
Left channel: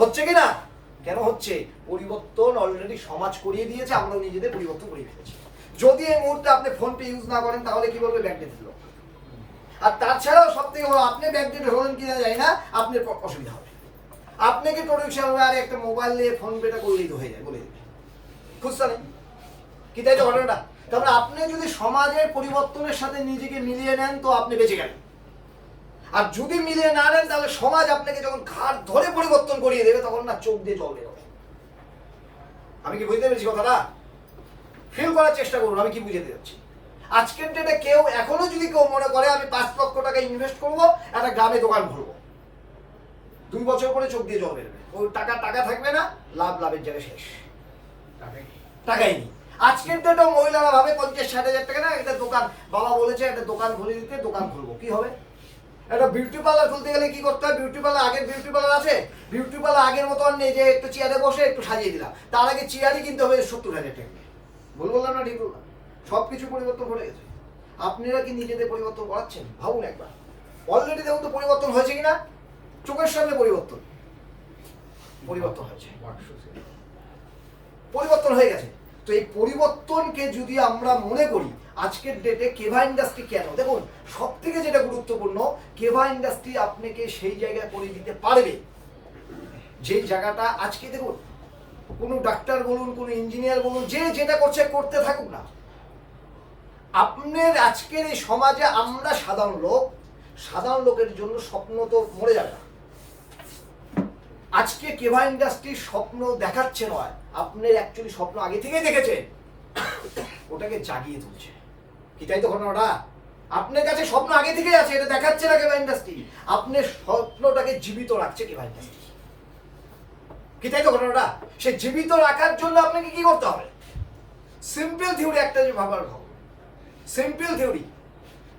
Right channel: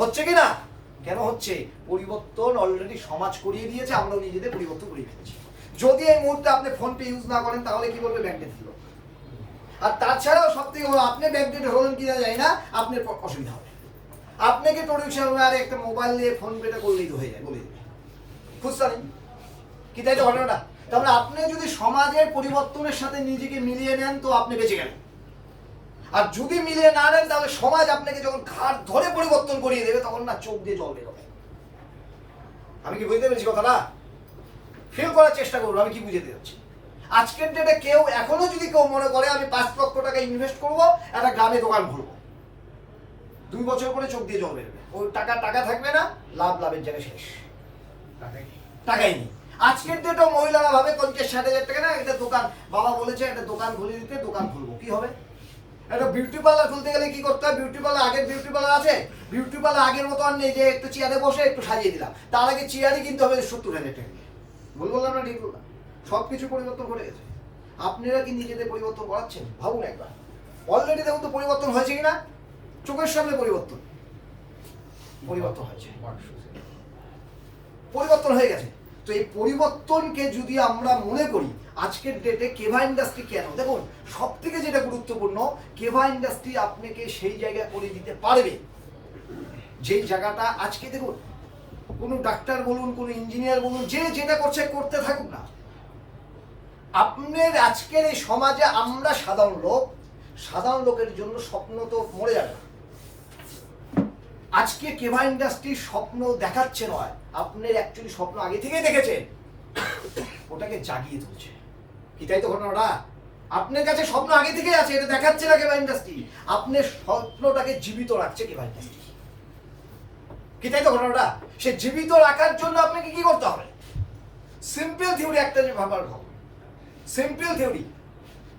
হচ্ছে কি না? কেন হচ্ছে? পরিবর্তন অলরেডি সমাজ করিয়ে দিয়েছে, আমরাও নিজেদের পরিবর্তন করিয়ে ফেলেছি। যদি এই মুহূর্তে আপনি ফোন পে ইউজ না করেন, তাহলে কি বলবে? ব্যাকডেট দিল। আর তাছাড়াও সব থেকে বড়, আপনি ব্যাকডেট হলেন কিনা জানি না, আপনার অসুবিধা হবে। আপনাকে টোটো রিক্সা আর একটা মোবাইল নিয়ে ফোন পেটা করলেই তো হয়ে যায়, বলে দেবে, খুঁজতে নেই কি? তাই তো ঘটনাটা। তারপরে আপনি যদি সমাজের পরিবর্তনের সাথে নিজেকে মিলিয়ে নেন, তো আপনি বেঁচে গেলেন। আর যদি মিলিয়ে না নেন, তাহলে সমাজ আপনাকে যখন ঘাট ধরে পরিবর্তন করিয়ে দেবে, তখন না চোখ দিয়ে জল বেরোবে। আমি কি বুঝতে পেরেছি কথাটা? ফিল করার চেষ্টা করুন আমি কি বুঝতে যাচ্ছি। আজকের ডেটে কেউ এখনো যদি কেউ মনে করে আমি 5 লক্ষ টাকা ইনভেস্ট করবো, একটা গ্রামে দোকান খুলবো, 2 বছর পরে চোখ দিয়ে জল বেরোবে। ওই টাকা থাকবে না, লাভের জায়গায় শেষ, টাকাই নেই। আজকের ডেটেও মহিলারা ভাবে 50-60 হাজার টাকা না, একটা দোকান, বাবা বলেছে একটা দোকান খুলে দিতে, দোকান খুলবো। কি হবে? একটা বিউটি পার্লার খুলতে গেলে কি করতে হয়? বিউটি পার্লার, আগের বিউটি পার্লার আছে, বিউটি পার্লার আগের মতো আর নেই যে একটু চেয়ারে বসে একটু সাজিয়ে দিলাম। তার আগে চেয়ারই কিনতে হবে 70,000 টাকা দিয়ে। বললাম না? ঠিক বললাম? সবকিছু পরিবর্তন ঘটে গেছে। আপনারা কি নিজেদের পরিবর্তন করাচ্ছেন? ভাবুন একবার। অলরেডি দেখুন তো পরিবর্তন হয়েছে কিনা, চোখের সামনে পরিবর্তন। পরিবর্তন হয়েছে, পরিবর্তন হয়ে গেছে। তো এই পরিবর্তনকে যদি আমরা মনে করি আজকের ডেটে কেভা ইন্ডাস্ট্রি কেন, দেখুন সব থেকে যেটা গুরুত্বপূর্ণ, কেভা ইন্ডাস্ট্রি আপনাকে সেই জায়গায় করে দিতে পারবে যেই জায়গাটা আজকে দেখুন কোনো ডাক্তার বলুন, কোনো ইঞ্জিনিয়ার বলুন, যে যেটা করছে করতে থাকুক না, আপনার আজকের এই সমাজে আমরা সাধারণ লোকের জন্য স্বপ্ন তো মরে যাবে না। আজকে কেভা ইন্ডাস্ট্রি স্বপ্ন দেখাচ্ছে নয়, আপনি অ্যাকচুয়ালি স্বপ্ন আগে থেকেই দেখেছেন, ওটাকে জাগিয়ে তুলছে। কি তাই তো ঘটনাটা? আপনার কাছে স্বপ্ন আগে থেকেই আছে, এটা দেখাচ্ছে না কেভা ইন্ডাস্ট্রি, আপনার স্বপ্নটাকে জীবিত রাখছে কেভা ইন্ডাস্ট্রি। কি তাই তো ঘটনাটা? সে জীবিত রাখার জন্য আপনাকে কি করতে হবে? সিম্পল থিওরি একটা যে ভাবার ভাব, সিম্পল থিওরি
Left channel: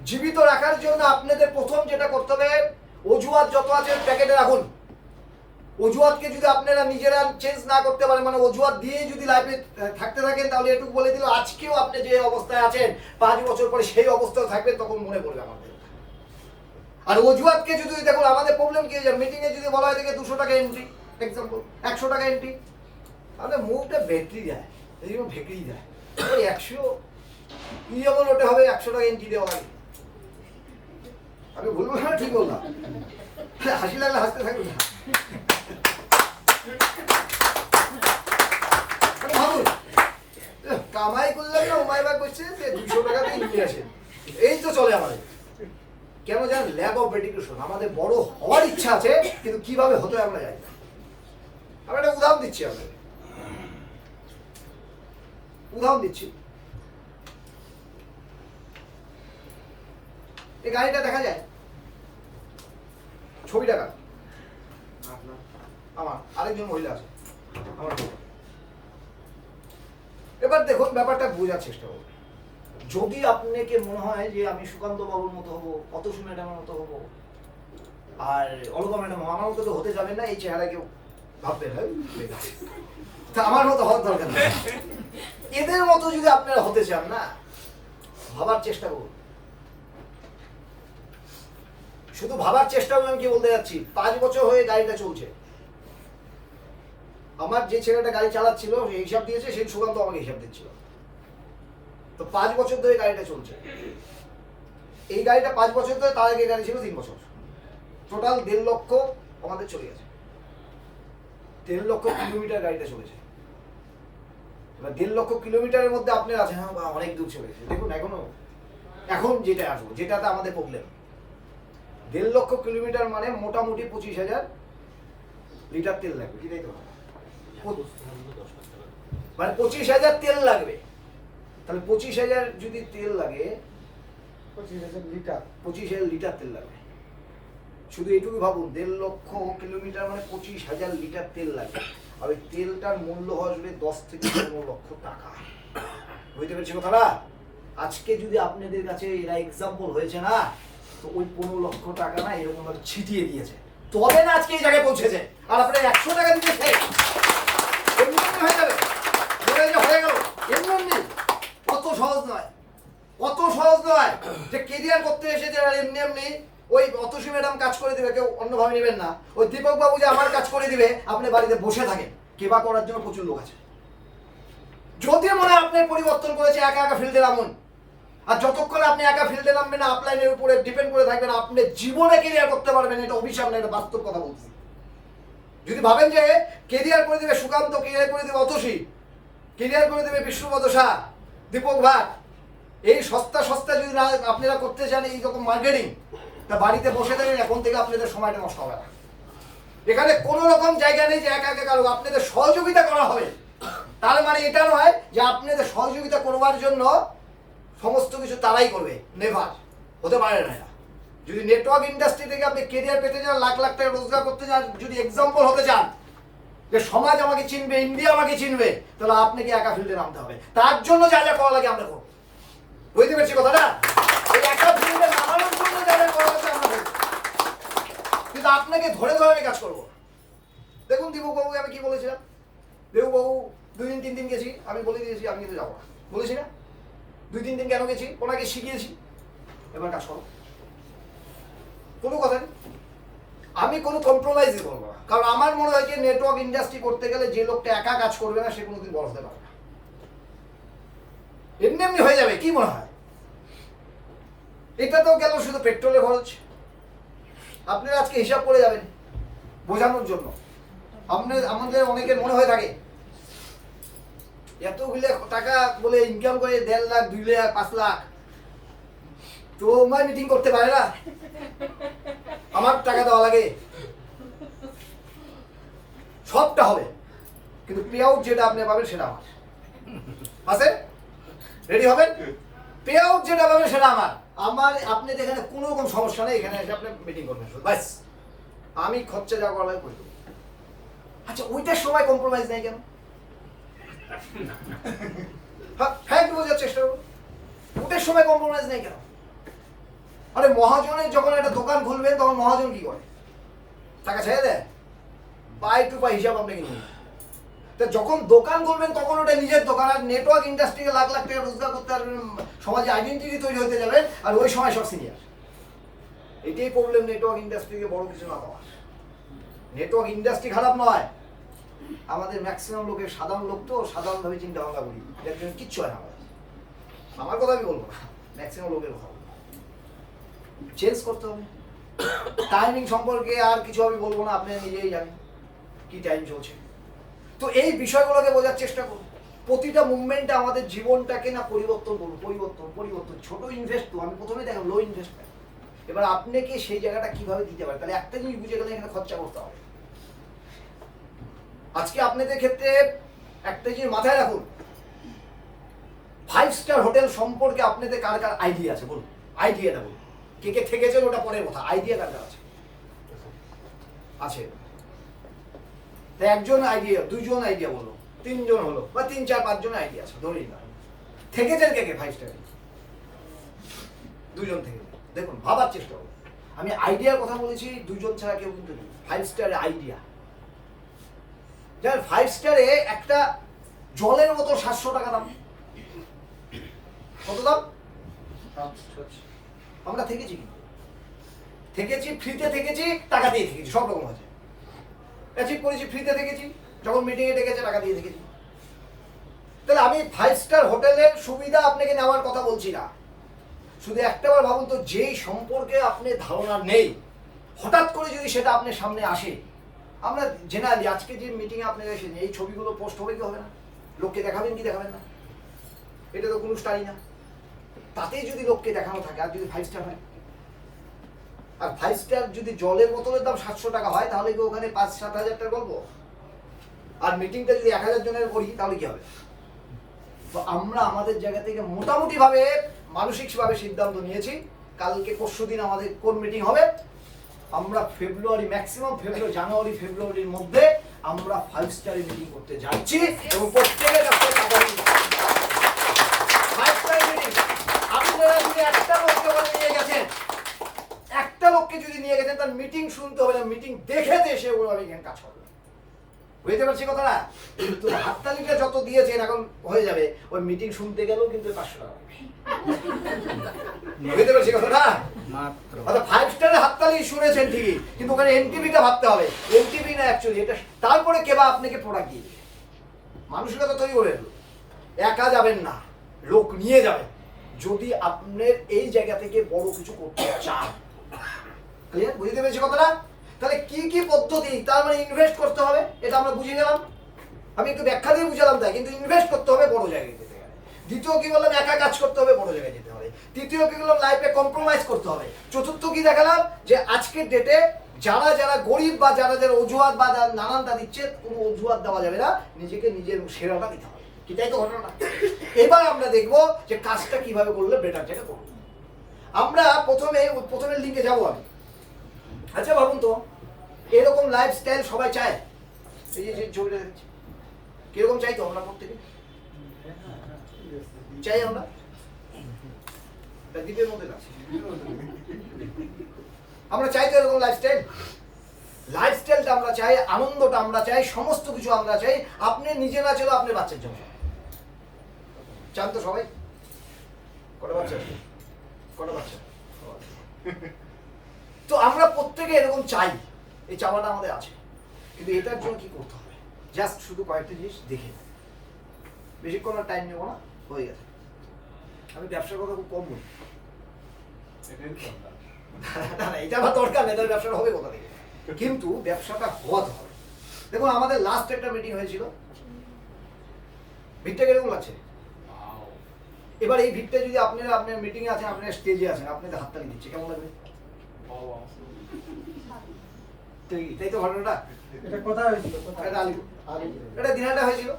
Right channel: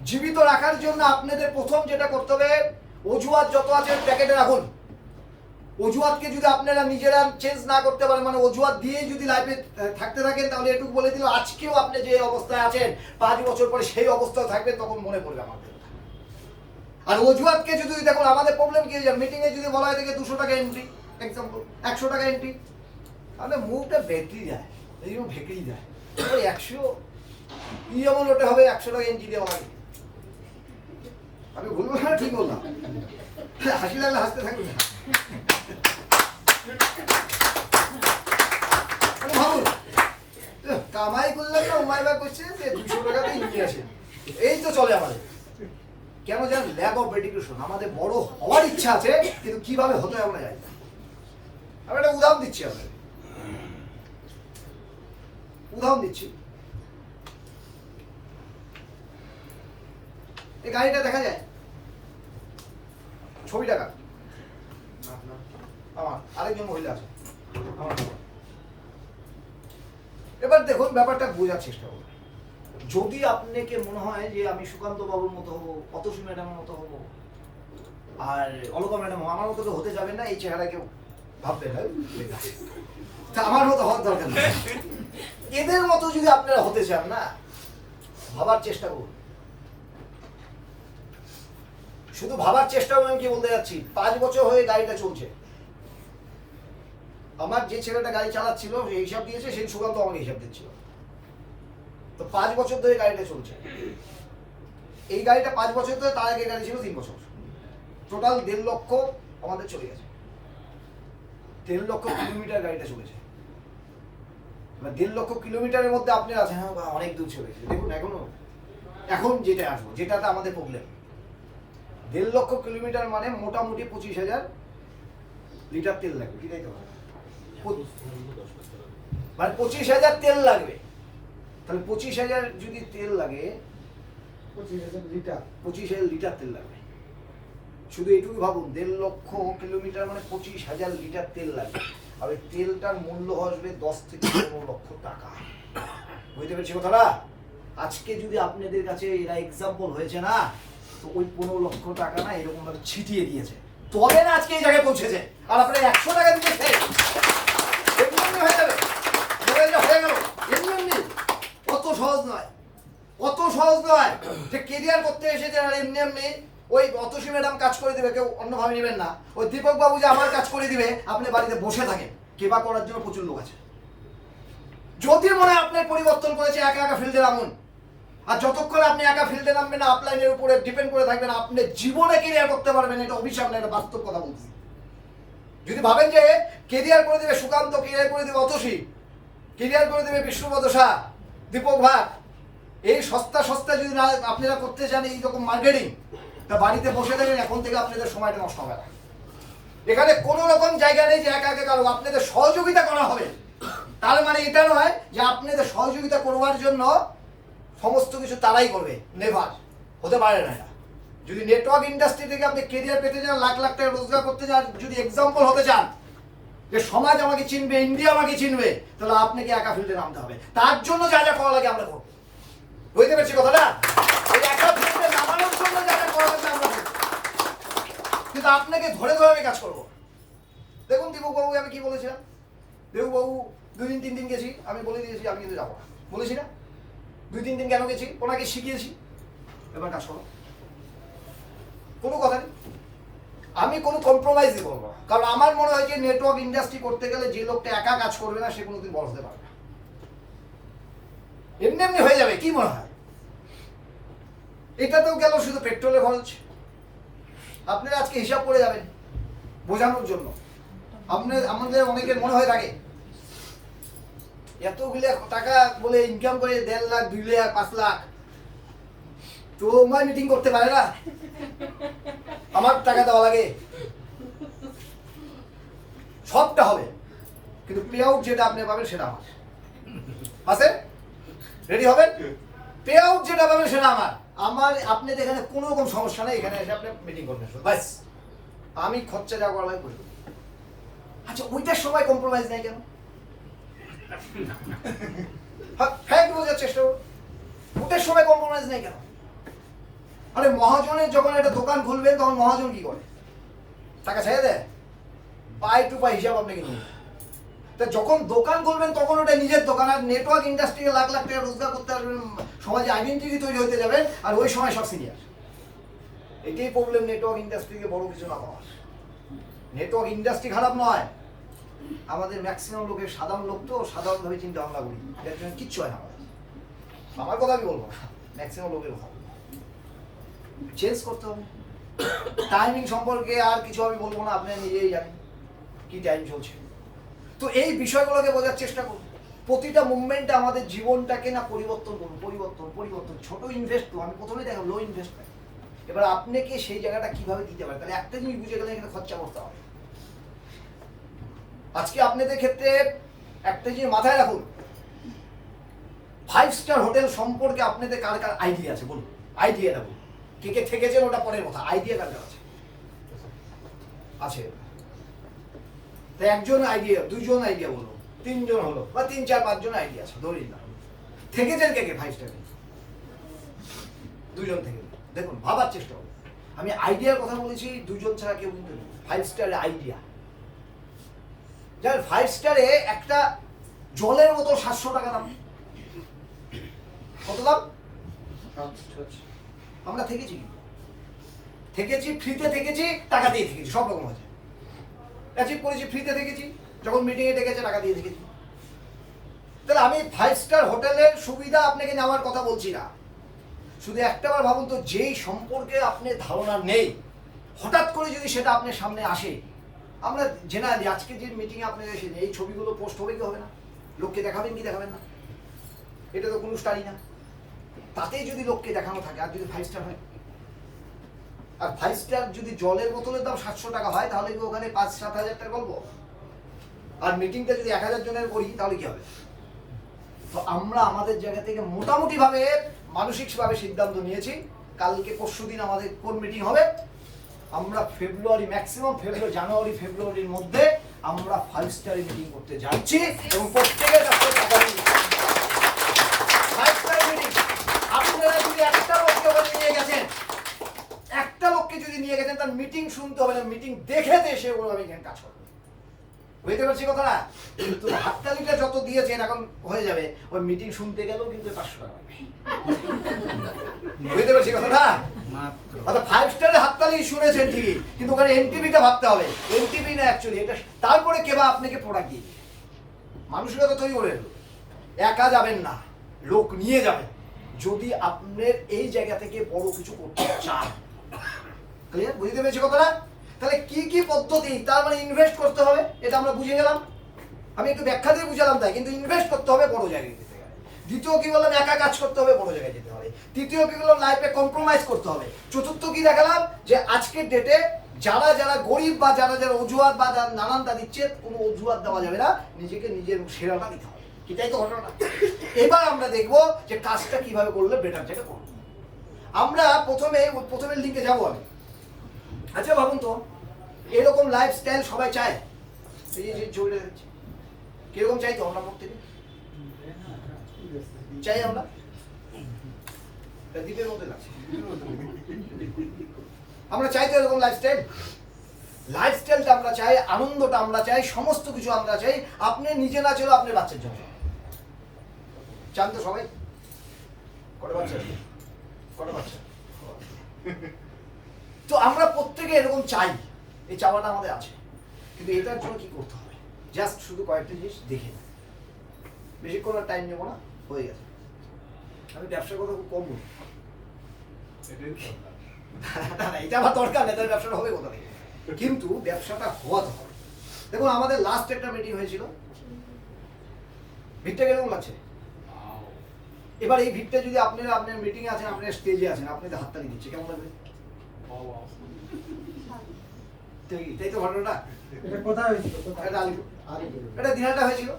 জীবিত রাখার জন্য আপনাদের প্রথম যেটা করতে হবে, অজুহাত যত আছে প্যাকেটে রাখুন। অজুহাতকে যদি আপনারা নিজেরা চেঞ্জ না করতে পারেন, মানে অজুহাত দিয়েই যদি লাইফে থাকতে থাকেন, তাহলে এটুকু বলে দিল আজকেও আপনি যে অবস্থায় আছেন 5 বছর পরে সেই অবস্থায় থাকবেন, তখন মনে পড়বে আমাদের। আর অজুহাতকে যদি দেখুন, আমাদের প্রবলেম কি, মিটিং এ যদি বলা হয় থেকে 200 টাকা এন্ট্রি, এক্সাম্পল 100 টাকা এন্ট্রি, তাহলে মুখটা ব্যাটারি যায়, এই জন্য ভেকড়ি যায়। ওই 100 কি যেমন ওটা হবে 100 টাকা এন্ট্রি দেওয়া হয়। আমি ভুল বললাম ঠিক বললাম? হাসি লাগলে হাসতে থাকবে না। ভাবুন, কামাই করলেন না, উমাই ভাই করছে যে 200 টাকাতেই নিয়ে আসেন, এই তো চলে আমাদের। কেন জানেন? Lack of dedication. আমাদের বড় হওয়ার ইচ্ছা আছে, কিন্তু কিভাবে হতে আমরা জানি না। আমি একটা উদাহরণ দিচ্ছি, আপনাদের উদাহরণ দিচ্ছি। এই গাড়িটা দেখা যায়, ছবিটা কার? আমার আরেকজন মহিলা আছে, আমার। এবার দেখুন ব্যাপারটা বোঝার চেষ্টা করুন। যদি আপনাকে মনে হয় যে আমি সুকান্ত বাবুর মতো হবো, অতসী ম্যাডামের মতো হবো, আর অলকা ম্যাডাম আমার মতো তো হতে যাবেন না, এই চেহারা কেউ ভাববেন তা আমার মতো হওয়ার দরকার নেই। এদের মতো যদি আপনারা হতে চান না, ভাবার চেষ্টা করুন। শুধু ভাবার চেষ্টা করুন। আমি কি বলতে যাচ্ছি, 5 বছর হয়ে গাড়িটা চলছে। আমার যে ছেলেটা গাড়ি চালাচ্ছিল সে হিসাব দিয়েছে, সেই সুকান্ত আমাকে হিসাব দিচ্ছিল। তো 5 বছর ধরে গাড়িটা চলছে। এই গাড়িটা 5 বছর ধরে, তার আগে গাড়ি ছিল 3 বছর। টোটাল 1.5 লক্ষ আমাদের চলে গেছে। 1.5 লক্ষ কিলোমিটার গাড়িটা চলেছে। এবার 1.5 লক্ষ কিলোমিটারের মধ্যে আপনি আছেন, হ্যাঁ অনেক দূর চলে গেছে। দেখুন এখন যেটা আসবো, যেটাতে আমাদের প্রবলেম, 1.5 লক্ষ কিলোমিটার মানে মোটামুটি 25,000 লিটার তেল লাগবে। কি তাই তো? মানে 25,000 তেল লাগবে। তাহলে 25,000 যদি তেল লাগে, 25,000 লিটার তেল লাগবে। শুধু এইটুকু ভাবুন, 1.5 লক্ষ কিলোমিটার মানে 25,000 লিটার তেল লাগবে। আর ওই তেলটার মূল্য আসবে 10 থেকে 15 লক্ষ টাকা। বুঝতে পেরেছি কথাটা? আজকে যদি আপনাদের কাছে এরা এক্সাম্পল হয়েছে না, তো ওই 15 লক্ষ টাকা না এরকম ভাবে ছিটিয়ে দিয়েছে, তবে না আজকে এই জায়গায় পৌঁছেছে। আর আপনারা 100 টাকা দিতে চাই, এমনি হয়ে যাবে, হয়ে গেল এমনি। অত সহজ নয়, অত সহজ নয় যে কেরিয়ার করতে এসেছে আর এমনি ওই অতসী ম্যাডাম কাজ করে দিবে, কেউ অন্যভাবে নেবেন না। ওই দীপক বাবু যে আমার কাজ করে দিবে, আপনি বাড়িতে বসে থাকেন। কেবা করার জন্য প্রচুর লোক আছে। যদি মনে হয় আপনার পরিবর্তন করেছে, একা একা ফিল্ডে নামুন। আর যতক্ষণ আপনি একা ফিল্ডে নামবেন না, আপলাইনের উপরে ডিপেন্ড করে থাকবেন, আপনি জীবনে কেরিয়ার করতে পারবেন। এটা অভিশাপ না, এটা বাস্তব কথা বলছি। যদি ভাবেন যে কেরিয়ার করে দিবে সুকান্ত, কেরিয়ার করে দিবে অতসী, কেরিয়ার করে দেবে বিষ্ণুপদ শাহ, দীপক ভাট, এই সস্তা যদি না আপনারা করতে চান এই রকম মার্কেটিং, তা বাড়িতে বসে থাকবেন। এখন থেকে আপনাদের সময়টা নষ্ট হবে না। এখানে কোনো রকম জায়গা নেই যে একা একা কারো, আপনাদের সহযোগিতা করা হবে। তার মানে এটা নয় যে আপনাদের সহযোগিতা করবার জন্য সমস্ত কিছু তারাই করবে, নেভার, হতে পারে না। যদি নেটওয়ার্ক ইন্ডাস্ট্রি থেকে আপনি কেরিয়ার পেতে চান, লাখ লাখ টাকা রোজগার করতে চান, যদি এক্সাম্পল হতে চান যে সমাজ আমাকে চিনবে, ইন্ডিয়া আমাকে চিনবে, তাহলে আপনাকে একা ফিল্ডে নামতে হবে। তার জন্য যা যা করা লাগে আমরা করবো। বুঝতে পেরেছি কথাটা? ওই একা ফিল্ডে নামানোর জন্য যা যা করা লাগে আমরা করবো, কিন্তু আপনাকে ধরে ধরে আমি কাজ করবো। দেখুন দীপক বাবুকে আমি কি বলেছিলাম, দীপক বাবু 2 দিন 3 দিন গেছি, আমি বলে দিয়েছি আমি কিন্তু যাবো না, বলেছি না? 2-3 দিন কেন গেছি? ওনাকে শিখিয়েছি, এবার কাজ করো, কোনো কথা নেই। আমি কোনো কম্প্রোমাইজই করবো না, কারণ আমার মনে হয় যে নেটওয়ার্ক ইন্ডাস্ট্রি করতে গেলে যে লোকটা একা কাজ করবে না সে কোনোদিন বড় হতে পারবে না। এমনি এমনি হয়ে যাবে, কি মনে হয়? এটাতেও গেল শুধু পেট্রোলের খরচ। আপনারা আজকে হিসাব করে যাবেন বোঝানোর জন্য। আমাদের অনেকের মনে হয়ে থাকে এতগুলো টাকা বলে ইনকাম করে 1.5 লাখ 2 লাখ 5 লাখ তোমার মিটিং করতে পারে না, আমার টাকা দেওয়া লাগে, সবটা হবে কিন্তু পে আউট যেটা আপনি পাবেন সেটা আমার আছে। রেডি হবেন? পে আউট যেটা পাবেন সেটা আমার আপনি এখানে কোনো রকম সমস্যা নেই, এখানে এসে আপনি মিটিং করবেন ব্যাস, আমি খরচা যা করা লাগে করে দেবো। আচ্ছা ওইটার সময় কম্প্রোমাইজ নেই কেন? হ্যাঁ বোঝার চেষ্টা করুন, ওটার সময় কম্প্রোমাইজ নেই কেন? আরে মহাজনের যখন একটা দোকান খুলবেন তখন মহাজন কি করে? টাকা ছেড়ে দেয়, পাই টু পাই হিসাব আপনাকে নিয়ে। তা যখন দোকান খুলবেন তখন ওটা নিজের দোকান। আর নেটওয়ার্ক ইন্ডাস্ট্রিকে লাখ লাখ টাকা রোজগার করতে পারবেন, সমাজে আইডেন্টিটি তৈরি হতে যাবেন, আর ওই সময় সব সিনিয়র। এটাই প্রবলেম নেটওয়ার্ক ইন্ডাস্ট্রিকে বড় কিছু না হওয়া। নেটওয়ার্ক ইন্ডাস্ট্রি খারাপ নয়, আমাদের ম্যাক্সিমাম লোকের সাধারণ লোক তো সাধারণভাবে চিন্তা ভাবনা করি, এর জন্য কিচ্ছু হয় না। আমার কথা আমি বলবো না, ম্যাক্সিমাম লোকের কথা চেঞ্জ করতে হবে। টাইমিং সম্পর্কে আর কিছু আমি বলবো না, আপনি নিজেই জানেন কি টাইম চলছে। তো এই বিষয়গুলোকে বোঝার চেষ্টা করুন। প্রতিটা মুভমেন্টে আমাদের জীবনটাকে না পরিবর্তন করুন, পরিবর্তন। ছোট ইনভেস্ট তো আমি প্রথমে দেখলাম লো ইনভেস্টমেন্ট, এবার আপনাকে সেই জায়গাটা কিভাবে দিতে পারে, তাহলে একটা জিনিস বুঝে গেলে এখানে খরচা করতে হবে। আজকে আপনাদের ক্ষেত্রে একটা জিনিস মাথায় রাখুন, 5 স্টার হোটেল সম্পর্কে আপনাদের কার কার আইডিয়া আছে বলুন, আইডিয়াটা বলুন। কে কে থেকেছে ওটা পরের কথা, আইডিয়া কার কার আছে? আছে তো একজন আইডিয়া, 2 জন আইডিয়া বললো, 3 জন হলো, বা 3 4 5 জন আইডিয়া আছে ধরেই না। থেকেছেন কে কে 5 স্টারে? 2 জন থেকে। দেখুন ভাবার চেষ্টা করুন, আমি আইডিয়ার কথা বলেছি, 2 জন ছাড়া কেউ কিন্তু নেই 5 স্টারে আইডিয়া। যার 5 স্টারে একটা জলের মতো 700 টাকা দাম। কত দাম? আমরা থেকেছি ফ্রিতে থেকেছি, টাকা দিয়ে থেকেছি, সব রকম আছে। অ্যাচিভ করেছি, ফ্রিতে থেকেছি, যখন মিটিংয়ে ডেকেছে টাকা দিয়ে থেকেছি। তাহলে আমি 5 স্টার হোটেলের সুবিধা আপনাকে নেওয়ার কথা বলছি না। শুধু একটাবার ভাবুন তো, যেই সম্পর্কে আপনি ধারণা নেই, হঠাৎ করে যদি সেটা আপনার সামনে আসে, আমরা জেনারেলি আজকে যে মিটিংয়ে আপনাদের এসে এই ছবিগুলো পোস্ট হবে কি হবে না? লোককে দেখাবেন কি দেখাবেন না? এটা তো কোনো স্টারই না, তাতেই যদি লোককে দেখানো থাকে, আর যদি 5 স্টার হয়, আর 5 স্টার যদি জলের বোতলের দাম 700 টাকা হয়, তাহলে কি ওখানে 5-7 হাজার টাকা গল্প? আর মিটিংটা যদি 1000 জনের করি তাহলে কি হবে? তো আমরা আমাদের জায়গা থেকে মোটামুটি ভাবে মানসিকভাবে সিদ্ধান্ত নিয়েছি, কালকে পরশুদিন আমাদের কোন মিটিং হবে, আমরা ফেব্রুয়ারি, ম্যাক্সিমাম ফেব্রুয়ারি, জানুয়ারি ফেব্রুয়ারির মধ্যে আমরা 5 স্টারে মিটিং করতে যাচ্ছি, এবং প্রত্যেকের কাছে টাকা নিয়ে 5 স্টারে মিটিং। আপনারা যদি একটা লোককে নিয়ে গেছেন, একটা লোককে যদি নিয়ে গেছেন, তার মিটিং শুনতে হবে না, মিটিং দেখে এসে ওভাবে এখানে কাজ করবে। বুঝতে পারছি কথা না? কিন্তু হাততালিটা যত দিয়েছেন এখন হয়ে যাবে, ওই মিটিং শুনতে গেলেও কিন্তু 500 টাকা লাগবে। বুঝতে পারছি কথা না? অর্থাৎ 5 স্টারে হাততালি শুনেছেন ঠিকই, কিন্তু ওখানে এনটিভিটা ভাবতে হবে, এনটিভি না অ্যাকচুয়ালি এটা। তারপরে কেবা আপনাকে প্রোডাক্ট দিয়ে দিবে। মানসিকতা তৈরি করে একা যাবেন না, লোক নিয়ে যাবেন, যদি আপনার এই জায়গা থেকে বড় কিছু করতে চান। ক্লিয়ার? বুঝতে পেরেছি কথাটা? তাহলে কি কি পদ্ধতি, তার মানে ইনভেস্ট করতে হবে, এটা আমরা বুঝে গেলাম। আমি একটু ব্যাখ্যা দিয়ে বুঝালাম তাই, কিন্তু ইনভেস্ট করতে হবে বড় জায়গায় যেতে গেলে। দ্বিতীয় কি বললাম, একা কাজ করতে হবে, বড় জায়গায় যেতে হবে। তৃতীয় কি বললাম, লাইফে কম্প্রোমাইজ করতে হবে। চতুর্থ কি দেখালাম, যে আজকের ডেটে যারা যারা গরিব বা যারা যারা অজুহাত বা নানানটা দিচ্ছে, কোনো অজুহাত দেওয়া যাবে না, নিজেকে নিজের সেরাটা দিতে হবে। এটাই তো ঘটনা। এবার আমরা দেখবো যে কাজটা কিভাবে করলে বেটার জায়গা করবো। আমরা প্রথমে লিঙ্কে যাবো আমি। আচ্ছা ভাবুন তো, এরকম লাইফস্টাইল সবাই চায়? এই যে ছবিটা দেখছি, কিরকম চাই তো আমরা প্রত্যেকে? চাই আমরা? দ্বীপের মধ্যে লাগছে, আমরা চাই তো এরকম লাইফস্টাইলটা আমরা চাই, আনন্দটা আমরা চাই, সমস্ত কিছু আমরা চাই। আপনি নিজে না ছিল, আপনার বাচ্চার জন্য চান তো সবাই? কটা বাচ্চা? তো আমরা প্রত্যেকে এরকম চাই, এই চাওয়াটা আমাদের আছে, কিন্তু এটার জন্য কি করতে হবে? জাস্ট শুধু কয়েকটা জিনিস দেখে নেন, বেশিক্ষণ আর টাইম নেবো না, হয়ে গেছে। আমি ব্যবসার কথা খুব কম বলি। না না, এটা আমার দরকার নেই, তাহলে ব্যবসাটা হবে কোথা থেকে? কিন্তু ব্যবসাটা হওয়াতে হবে। দেখুন আমাদের লাস্ট একটা মিটিং হয়েছিল, ভিড়টা কিরকম লাগছে? এবার এই ভিড়টা যদি আপনারা আপনার মিটিং এ আছেন, আপনার স্টেজে আছেন, আপনাদের হাততালি দিচ্ছে, কেমন লাগবে? তাই তো ঘটনাটা। এটা কোথায় হয়েছিল? এটা আলিপুর, এটা দিনহাটা হয়েছিল।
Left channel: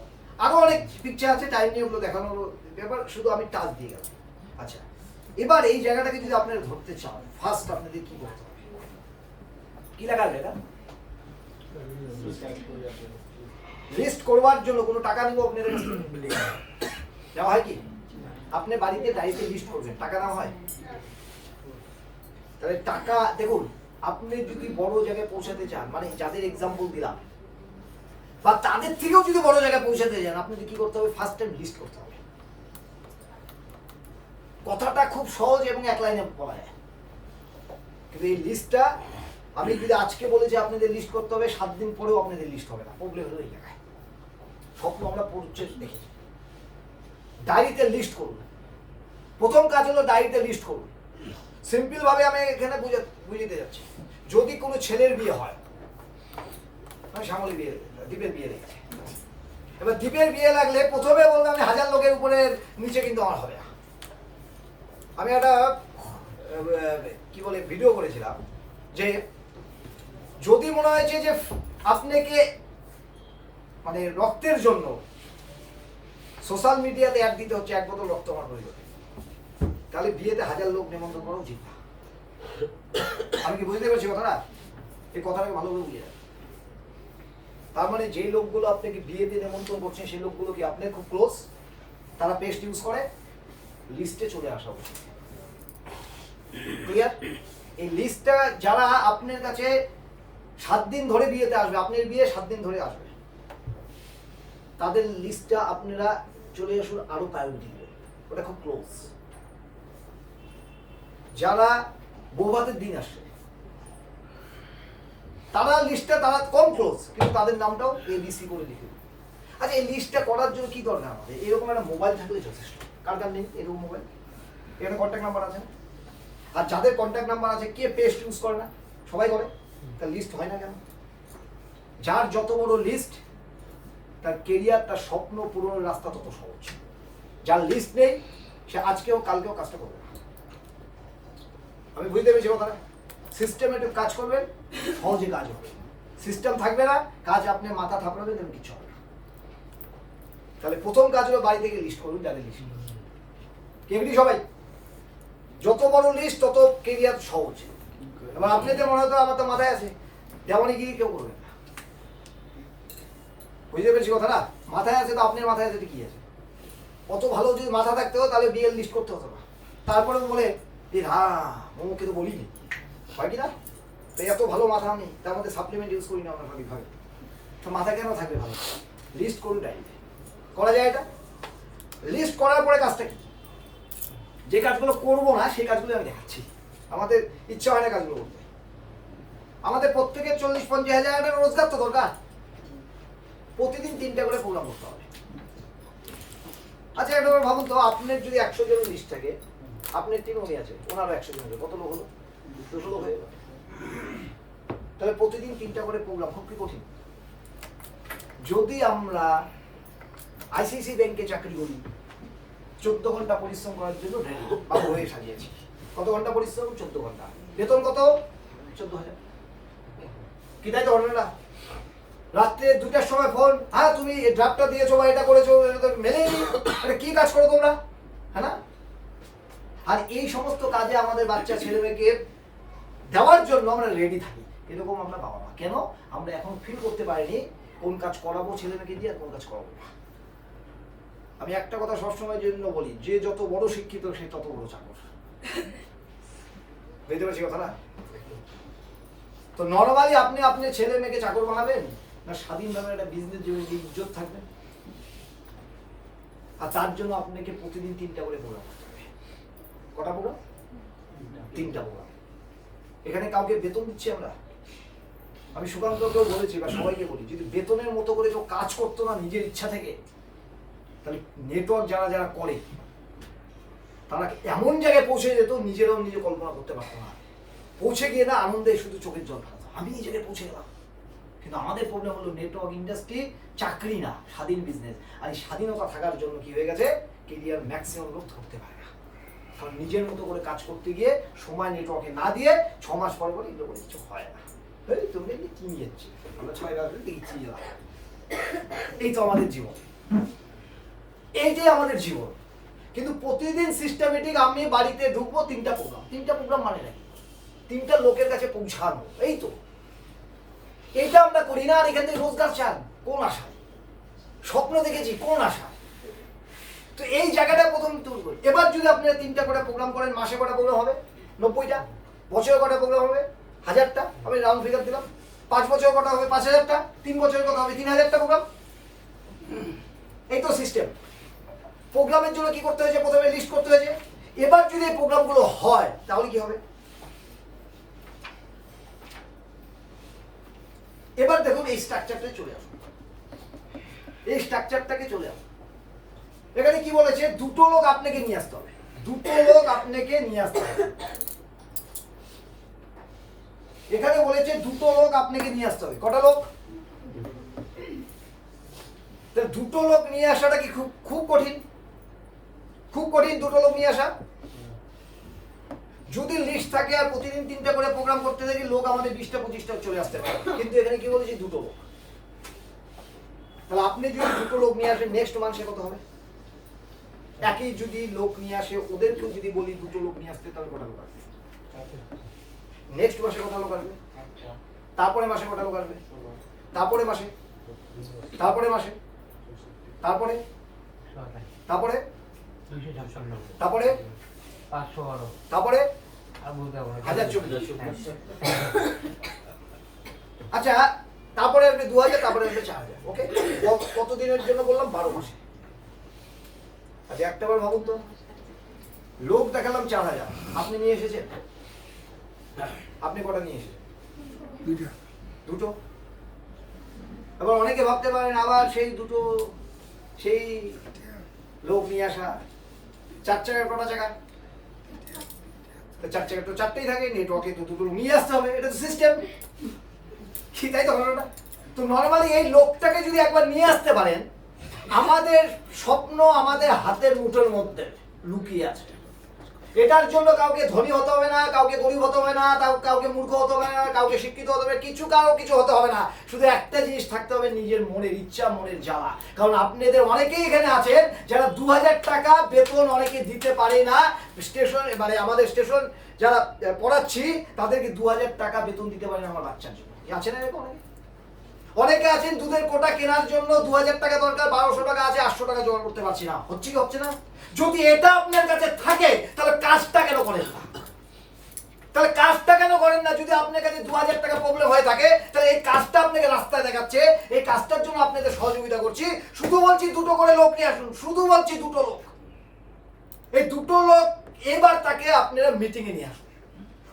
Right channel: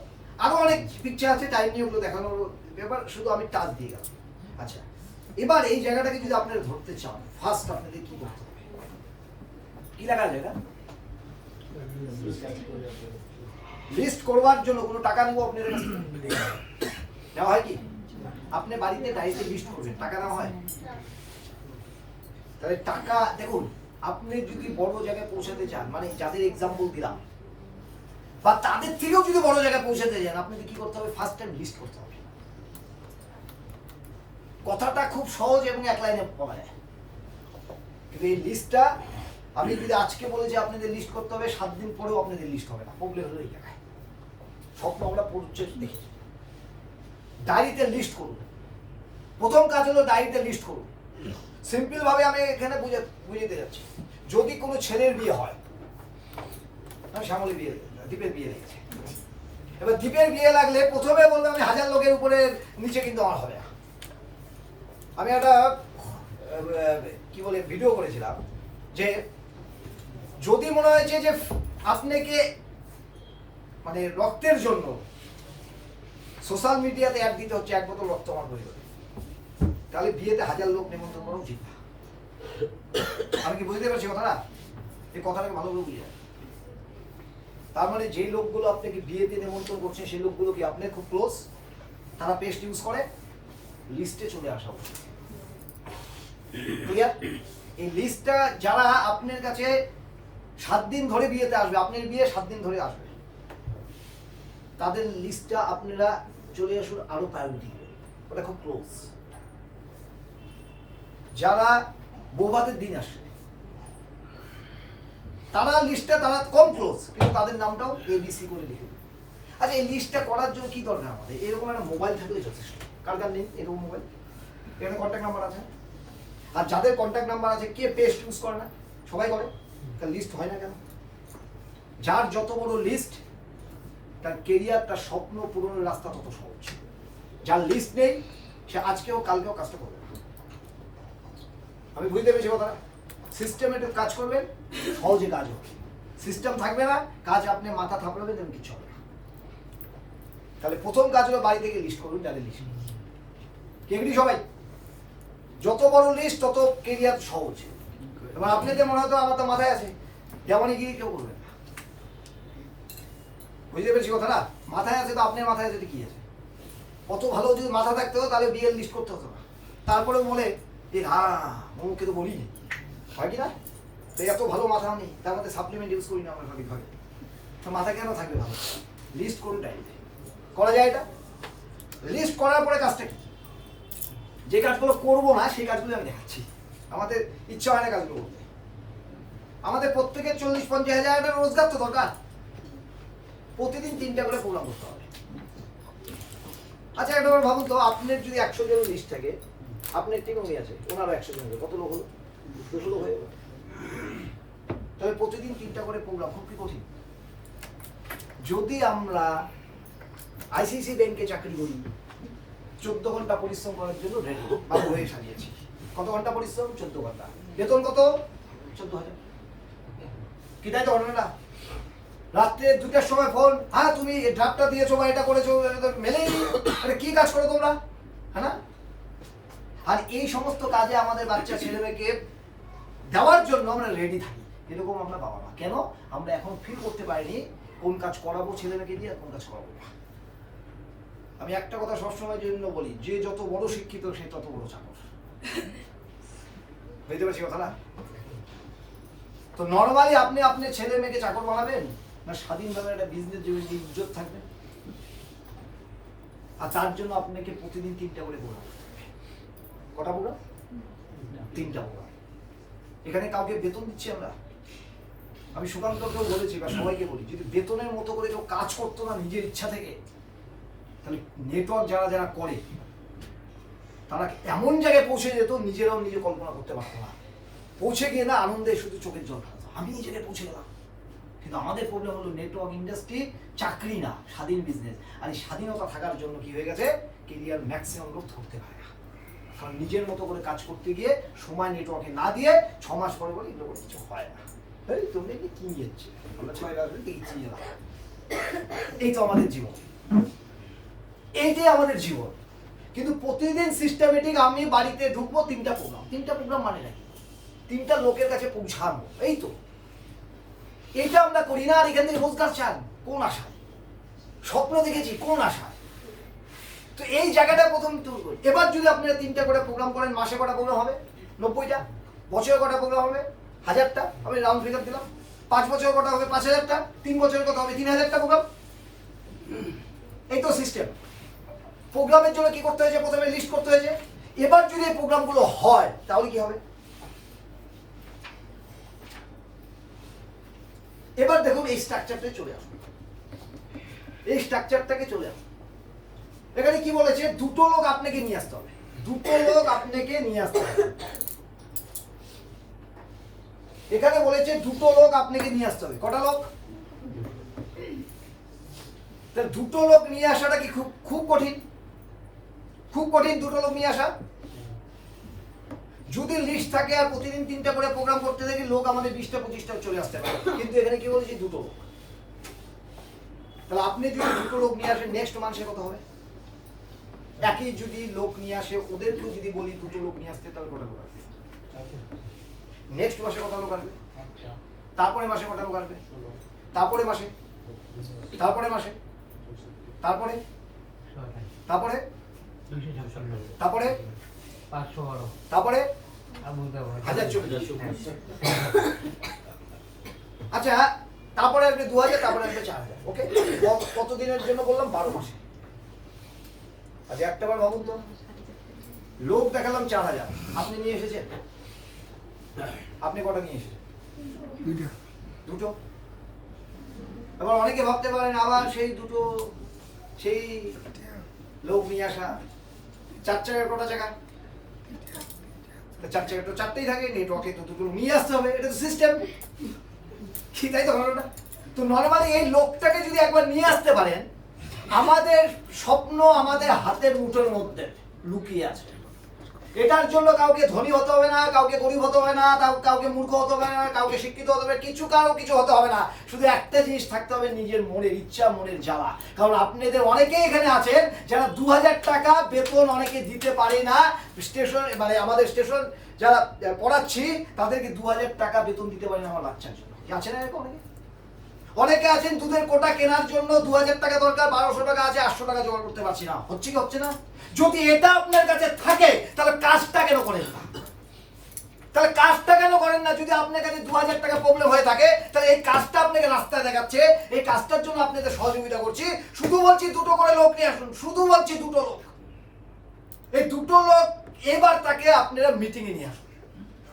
আরো অনেক পিকচার আছে, টাইম নিয়ে ওগুলো দেখানোর ব্যাপার, শুধু আমি টাচ দিয়ে গেলাম। আচ্ছা, এবার এই জায়গাটাকে যদি আপনারা ধরতে চান, ফার্স্ট আপনাদের কি করতে হবে? কি লেখা আছে এটা? লিস্ট করবার জন্য কোনো টাকা নেবো আপনাদের কাছ থেকে? দেওয়া হয় কি? আপনি বাড়িতে ডায়েরিতে লিস্ট করবেন, টাকা নেওয়া হয়? তাহলে টাকা, দেখুন আপনি যদি বড় জায়গায় পৌঁছাতে চান, মানে যাদের এক্সাম্পল দিলাম, বা তাদের থেকেও যদি বড় জায়গায় পৌঁছাতে চান, আপনাদের কি করতে হবে? ফার্স্ট টাইম লিস্ট করতে হবে। কথাটা খুব সহজ এবং এক লাইনে বলা যায়, কিন্তু এই লিস্টটা আমি যদি আজকে বলে যে আপনাদের লিস্ট করতে হবে, 7 দিন পরেও আপনাদের লিস্ট হবে না। প্রবলেম হলো এই জায়গায়। স্বপ্ন আমরা পড়ছে দেখেছি। ডায়েরিতে লিস্ট করুন। প্রথম কাজ হলো ডায়েরিতে লিস্ট করুন। সিম্পল ভাবে আমি এখানে বুঝিয়ে যাচ্ছি। যদি কোনো ছেলের বিয়ে হয়, মানে শ্যামলী বিয়ে, দীপের বিয়ে লেগেছে, এবার দীপের বিয়ে লাগলে প্রথমে বলবো আমি 1000 লোকের উপরে নিচে কিন্তু আমার হবে না। আমি একটা কি বলে ভিডিও করেছিলাম, যে যদি মনে হয়েছে যে আপনাকে মানে রক্তের জন্য সোশ্যাল মিডিয়াতে অ্যাড দিতে হচ্ছে 1 বোতল রক্ত আমার পরিবারে, তাহলে বিয়েতে 1000 লোক নিমন্ত্রণ করা উচিত না। আমি কি বুঝতে পারছি কথাটা? এই কথাটাকে ভালো করে বুঝে, তার মানে যে লোকগুলো আপনাকে বিয়েতে নিমন্ত্রণ করছে, সেই লোকগুলো কি আপনার খুব ক্লোজ, তারা পেস্ট ইউজ করে, লিস্টে চলে আসা উচিত। ক্লিয়ার? এই লিস্টটা যারা আপনার কাছে 7 দিন ধরে বিয়েতে আসবে, আপনার বিয়ে 7 দিন ধরে আসবে, তাদের লিস্টটা আপনারা চলে আসুন, আরো প্রায়োরিটি দেবেন, ওটা খুব ক্লোজ। যারা বৌভাতের দিন আসছে, তারা লিস্টটা তারা কম ক্লোজ, কিন্তু তাদের নামটাও ABC করে লিখে দিন। আচ্ছা, এই লিস্টটা করার জন্য কি দরকার আমাদের? এরকম একটা মোবাইল থাকলে যথেষ্ট। কার কার নেই এরকম মোবাইল? এখানে কন্ট্যাক্ট নাম্বার আছে, আর যাদের কন্ট্যাক্ট নাম্বার আছে, কে পেস্ট ইউজ করে না? সবাই করে। তার লিস্ট হয় না কেন? যার যত বড় লিস্ট, তার কেরিয়ার, তার স্বপ্ন পূরণের রাস্তা তত সহজ। যার লিস্ট নেই, সে আজকেও কালকেও কাজটা করবে না। আমি বুঝতে পেরেছি কথাটা। সিস্টেমেটিক কাজ করবেন, সহজে কাজ হবে। সিস্টেম থাকবে না, কাজ আপনি মাথা থাপড়াবেন, তখন কিছু হবে না। তাহলে প্রথম কাজ হলো বাড়ি থেকে লিস্ট করুন, যাদের লিস্ট কেমনি সবাই। যত বড় লিস্ট তত কেরিয়ার সহজ। এবার আপনাদের মনে হতো আমার তো মাথায় আছে, যেমনই গিয়ে কেউ করবেন না। বুঝতে পেরেছি কথাটা? মাথায় আছে তো আপনার মাথায় আছে, কি আছে? কত ভালো যদি মাথা থাকতো, তাহলে বিয়ের লিস্ট করতে হতো না। তারপরে বলে যে হ্যাঁ মোকে তো বলিনি, হয় কি না? তো এত ভালো মাথা নেই, তার মধ্যে সাপ্লিমেন্ট ইউজ করি না আমরা সঠিকভাবে। তো মাথা কেন থাকবে ভালো? লিস্ট করুন, ডায়েরিতে করা যায় এটা। লিস্ট করার পরে কাজটা কি? যে কাজগুলো করবো না সেই কাজগুলো আমি দেখাচ্ছি। আমাদের ইচ্ছা হয় না কাজগুলো করতে। আমাদের প্রত্যেকের 40-50 হাজার টাকা রোজগার তো দরকার। প্রতিদিন 3টা করে প্রোগ্রাম করতে হবে। আচ্ছা, একবার ভাবুন তো, আপনার যদি 100 জনের লিস্ট থাকে, আপনার টিম হয়ে আছে, ওনারও 100 জন, কত লোক হলো? 200 লোক হয়ে গেল। তাহলে প্রতিদিন 3টা করে প্রোগ্রাম, খুব কি কঠিন? যদি আমরা আইসিআইসি ব্যাংকে চাকরি করি, 14 ঘন্টা পরিশ্রম করার জন্য রেডি বাবু হয়ে সাজিয়েছি। কত ঘন্টা পরিশ্রম? 14 ঘন্টা। বেতন কত? 14,000। কি তাই তো ঘটনা না? রাত্রে 2টার সময় ফোন, হ্যাঁ তুমি ড্রাফটটা দিয়েছো বা এটা করেছো, মেলেই আরে কি কাজ করো তোমরা, হ্যাঁ না? আর এই সমস্ত কাজে আমাদের বাচ্চা ছেলে মেয়েকে দেওয়ার জন্য আমরা রেডি থাকি। এরকম আমরা বাবা মা কেন? আমরা এখন ফিল করতে পারিনি কোন কাজ করাবো ছেলে মেয়েকে দিয়ে, আর কোন কাজ করাবো না। আমি একটা কথা সবসময় জন্য বলি, যে যত বড় শিক্ষিত সে তত বড় চাকর। বুঝতে পারছি কথাটা? তো নরমালি আপনি আপনার ছেলে মেয়েকে চাকর বানাবেন, না স্বাধীনভাবে একটা বিজনেস জন্য ইজ্জত থাকবে? আর তার জন্য আপনাকে প্রতিদিন 3টা করে প্রোগ্রাম করতে হবে। কটা প্রোগ্রাম? 3টা প্রোগ্রাম। এখানে কাউকে বেতন দিচ্ছি আমরা? আমি সুকান্তকেও বলেছি বা সবাইকে বলি, যদি বেতনের মতো করে কেউ কাজ করতো না নিজের ইচ্ছা থেকে, তাহলে নেটওয়ার্ক যারা যারা করে তারা এমন জায়গায় পৌঁছে যেত নিজেরাও নিজে কল্পনা করতে পারতো না। পৌঁছে গিয়ে না আনন্দে শুধু চোখের জল ফেলতো, আমি এই জায়গায় পৌঁছে গেলাম। কিন্তু আমাদের প্রবলেম হলো নেটওয়ার্ক ইন্ডাস্ট্রি চাকরি না, স্বাধীন বিজনেস। আর এই স্বাধীনতা থাকার জন্য কি হয়ে গেছে, কেরিয়ার ম্যাক্সিমাম লোক ধরতে পারে না। কারণ নিজের মতো করে কাজ করতে গিয়ে সময় নেটওয়ার্কে না দিয়ে 6 মাস পরে বলে এগুলো কিছু হয় না। এই তুমি কি যাচ্ছি, আমরা 6 মাস দেখছি। এই তো আমাদের জীবন, এইটাই আমাদের জীবন। কিন্তু প্রতিদিন সিস্টেমেটিক আমি বাড়িতে ঢুকবো 3টা প্রোগ্রাম মানে নাকি 3টা লোকের কাছে পৌঁছানো, এই তো এইটা আমরা করি না। আর এখান থেকে রোজগার চান কোন আশায়, স্বপ্ন দেখেছি কোন আশায়? তো এই জায়গাটা প্রথম তুল করি। এবার যদি আপনারা 3টা করে প্রোগ্রাম করেন, মাসে কটা প্রোগ্রাম হবে? 90টা। বছরে কটা প্রোগ্রাম হবে? 1000টা। আমি রাউন্ড ফিগার দিলাম। 5 বছর কটা হবে? 5000টা। 3 বছরের কটা হবে? 3000টা প্রোগ্রাম। এই তো সিস্টেম। প্রোগ্রামের জন্য কি করতে হয়েছে? প্রথমে লিস্ট করতে হয়েছে। এবার যদি এই প্রোগ্রামগুলো হয় তাহলে কি হবে? এবার দেখুন এই স্ট্রাকচারটাই চলে আসুন, এই স্ট্রাকচারটাকে চলে আসুন। এখানে কি বলেছে? 2টো লোক আপনাকে নিয়ে আসতে হবে, 2টো লোক আপনাকে নিয়ে আসতে হবে। এখানে বলেছে 2টো লোক আপনাকে নিয়ে আসতে হবে। কটা লোক? 2টো লোক নিয়ে আসাটা কি খুব কঠিন? খুব কঠিন 2টো লোক নিয়ে আসা? যদি লিস্ট থাকে আর প্রতিদিন 3টা করে প্রোগ্রাম করতে থাকি, লোক আমাদের 20টা 25টা চলে আসতে পারে। কিন্তু এখানে কি বলেছি? 2টো লোক। তাহলে আপনি যদি 2টো লোক নিয়ে আসেন, নেক্সট মাসে কত হবে? একই যদি লোক নিয়ে আসে, ওদেরকেও যদি বলি 2টো লোক নিয়ে আসতে, তাহলে কটা লোক আসবে? নেক্সট মাসে কটা লোক আসবে? তারপরে মাসে কটা লোক আসবে? তারপরে মাসে, তারপরে মাসে, তারপরে, তারপরে, তারপরে, তারপরে 1024। আচ্ছা, তারপরে আসবে 2000, তারপরে আসবে 4000। ওকে, কত দিনের জন্য বললাম? 12 মাসে। আচ্ছা একটাবার ভাবুন তো, লোক দেখালাম 4000, আপনি নিয়ে এসেছেন? আপনি কটা নিয়ে এসেছেন? 2টো। এবার অনেকে ভাবতে পারেন আবার সেই 2টো, সেই লোক নিয়ে আসা 4 চাকার কটা জায়গায়? 4 চাকা তো 4টেই থাকে, নেটওয়ার্কে তো 2টো নিয়ে আসতে হবে, এটা তো সিস্টেম। কি তাই তো ঘটনাটা? তো নর্মালি এই লোকটাকে যদি একবার নিয়ে আসতে পারেন, আমাদের স্বপ্ন আমাদের হাতের মুঠোর মধ্যে লুকিয়ে আছে। এটার জন্য কাউকে ধনী হতে হবে না, কাউকে গরিব হতে হবে না, কাউকে মূর্খ হতে হবে না, কাউকে শিক্ষিত হতে হবে, কারো কিছু হতে হবে না। শুধু একটা জিনিস থাকতে হবে, নিজের মনের ইচ্ছা, মনের জ্বালা। কারণ আপনাদের অনেকেই এখানে আছেন যারা 2000 টাকা বেতন অনেকে দিতে পারে না। স্টেশন মানে আমাদের স্টেশন যারা পড়াচ্ছি তাদেরকে 2000 টাকা বেতন দিতে পারে না আমার বাচ্চার জন্য। আছে না এরকম অনেকে? অনেকে আছেন দুধের কোটা কেনার জন্য 2000 টাকা দরকার, 1200 টাকা আছে, 800 টাকা জোগাড় করতে পারছি না। হচ্ছে কি হচ্ছে না? যদি এটা আপনার কাছে থাকে তাহলে কাজটা কেন করেন না? তাহলে কাজটা কেন করেন না? যদি আপনার কাছে 2000 টাকা প্রবলেম হয়ে থাকে, তাহলে এই কাজটা আপনাকে রাস্তায় দেখাচ্ছে, এই কাজটার জন্য আপনাদের সহযোগিতা করছি। শুধু বলছি 2টো করে লোক নিয়ে আসুন, শুধু বলছি 2টো লোক। এই 2টো লোক এবার তাকে আপনারা মিটিং এ নিয়ে আসুন।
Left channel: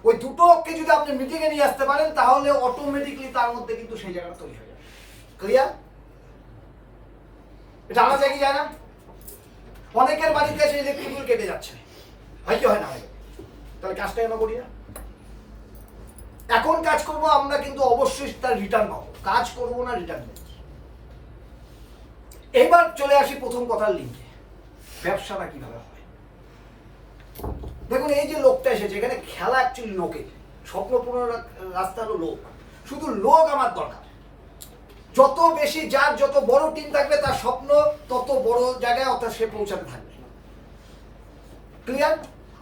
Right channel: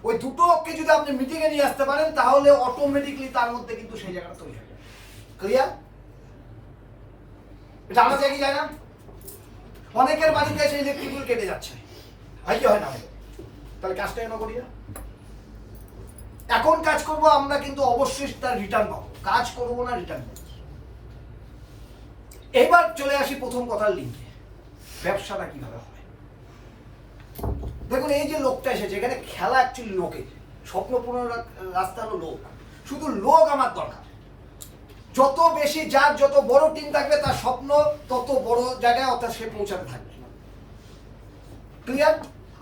ওই 2টো লোককে যদি আপনি মিটিং এ নিয়ে আসতে পারেন, তাহলে অটোমেটিকলি তার মধ্যে কিন্তু সেই জায়গাটা তৈরি হবে। ক্লিয়ার? এটা আনা যায় কি যায় না? অনেকের বাড়িতে এসে ইলেকট্রিক বিল কেটে যাচ্ছে, হয় কি হয় না? তাহলে কাজটা আমরা করি না। এখন কাজ করব আমরা, কিন্তু অবশ্যই তার রিটার্ন পাবো। কাজ করব না, রিটার্ন পাবো। এবার চলে আসি প্রথম কথার লিঙ্কে, ব্যবসাটা কিভাবে হয়। দেখুন এই যে লোকটা এসেছে, এখানে খেলা অ্যাকচুয়ালি লোকে, স্বপ্ন পূরণের রাস্তা হলো লোক। শুধু লোক আমার দরকার। যত বেশি যার যত বড় টিম থাকবে, তার স্বপ্ন তত বড় জায়গায় অর্থাৎ সে পৌঁছাতে থাকবে। ক্লিয়ার?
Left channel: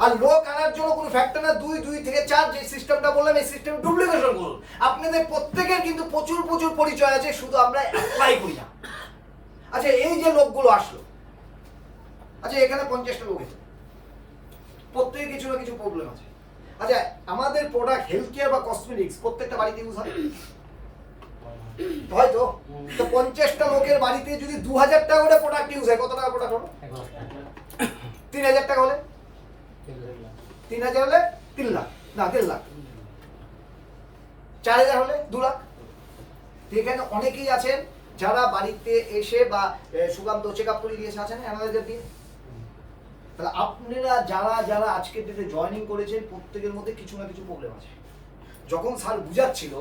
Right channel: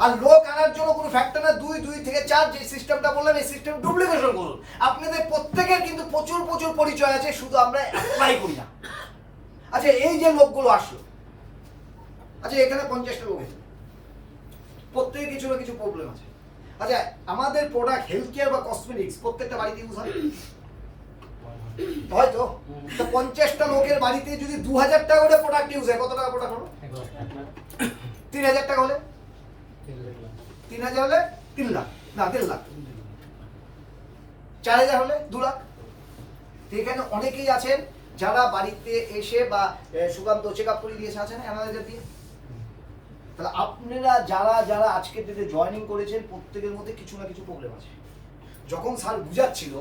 আর লোক আনার জন্য কোনো ফ্যাক্টর না, 2 থেকে 4 যে সিস্টেমটা বললেন, এই সিস্টেম ডুপ্লিকেশন করুন। আপনাদের প্রত্যেকের কিন্তু প্রচুর প্রচুর পরিচয় আছে, শুধু আমরা অ্যাপ্লাই করি না। আচ্ছা এই যে লোকগুলো আসলো, আচ্ছা এখানে 50টা লোক আছে, প্রত্যেকের কিছু না কিছু প্রবলেম আছে। আচ্ছা আমাদের প্রোডাক্ট হেলথ কেয়ার বা কসমেটিক্স প্রত্যেকটা বাড়িতে ইউজ হয়, হয়তো। তো 50টা লোকের বাড়িতে যদি 2000 টাকা করে প্রোডাক্ট ইউজ হয়, কত টাকা প্রোডাক্ট হলো? 3000 টাকা হলে 3000 হলে 3 লাখ, না 3 লাখ। 4000 হলে 2 লাখ। অনেকেই আছেন যারা বাড়িতে এসে বা সুকান্ত চেক আপ করে দিয়েছে, আছেন অ্যানালাইজার দিয়ে। তাহলে আপনারা যারা যারা আজকের ডেটে জয়েনিং করেছেন প্রত্যেকের মধ্যে কিছু না কিছু প্রবলেম আছে। যখন স্যার বুঝাচ্ছিল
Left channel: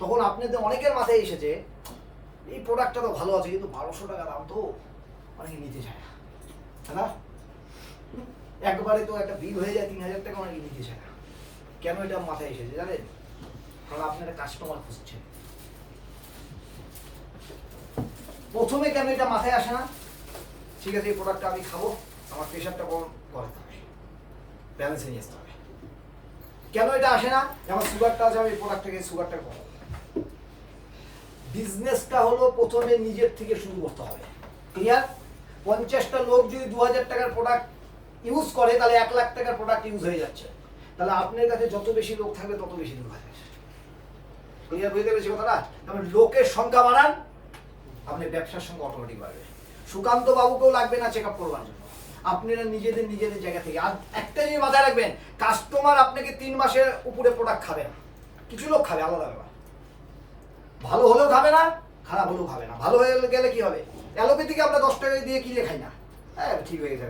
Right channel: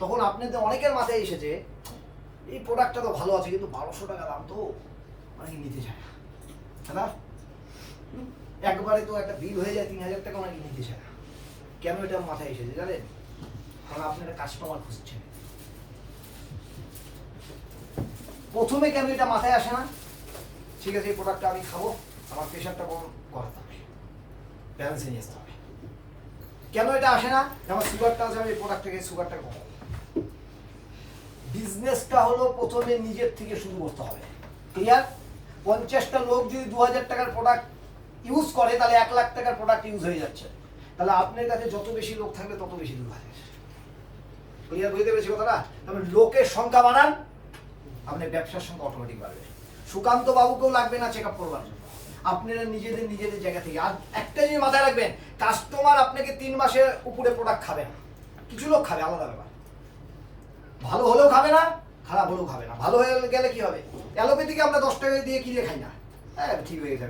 তখন আপনাদের অনেকের মাথায় এসেছে এই প্রোডাক্টটা তো ভালো আছে কিন্তু 1200 টাকা দাম তো অনেকে নিতে চায় না, তাই না? একবারে তো একটা বিল হয়ে যায় 3000 টাকা, অনেকে নিতে চায় না। কেন এটা মাথায় এসেছে জানেন? কারণ আপনারা কাস্টমার খুঁজছেন। প্রথমে কেন এটা মাথায় আসে না? ঠিক আছে এই প্রোডাক্টটা আমি খাবো, আমার প্রেশারটা করাতে হবে, ব্যালেন্সে নিয়ে আসতে হবে। কেন এটা আসে না? আমার সুগারটা আছে, আমি এই প্রোডাক্টটাকে সুগারটা কমাবো। বিজনেসটা হলো প্রথমে নিজের থেকে শুরু করতে হবে। ক্লিয়ার? 50টা লোক যদি 2000 টাকার প্রোডাক্ট ইউজ করে তাহলে 1 লাখ টাকার প্রোডাক্ট ইউজ হয়ে যাচ্ছে। তাহলে আপনার কাছে যত বেশি লোক থাকবে তত বেশি দূর হবে। ক্লিয়ার বুঝতে পেরেছি কথাটা? তাহলে লোকের সংখ্যা বাড়ান, আপনার ব্যবসার সঙ্গে অটোমেটিক বাড়বে। সুকান্ত বাবুকেও লাগবে না চেক আপ করবার জন্য, আপনারা নিজেদের জায়গা থেকে। আর একটা জিনিস মাথায় রাখবেন, কাস্টমার আপনাকে 3 মাসের উপরে প্রোডাক্ট খাবে না। কিছু লোক খাবে, আলাদা ব্যাপার। ভালো হলেও খাবে না, খারাপ হলেও খাবে না। ভালো হয়ে গেলে কি হবে? অ্যালোপ্যাথিকে আমরা 10 টাকা দিয়ে কিনে খাই না, হ্যাঁ ঠিক হয়ে গেছে।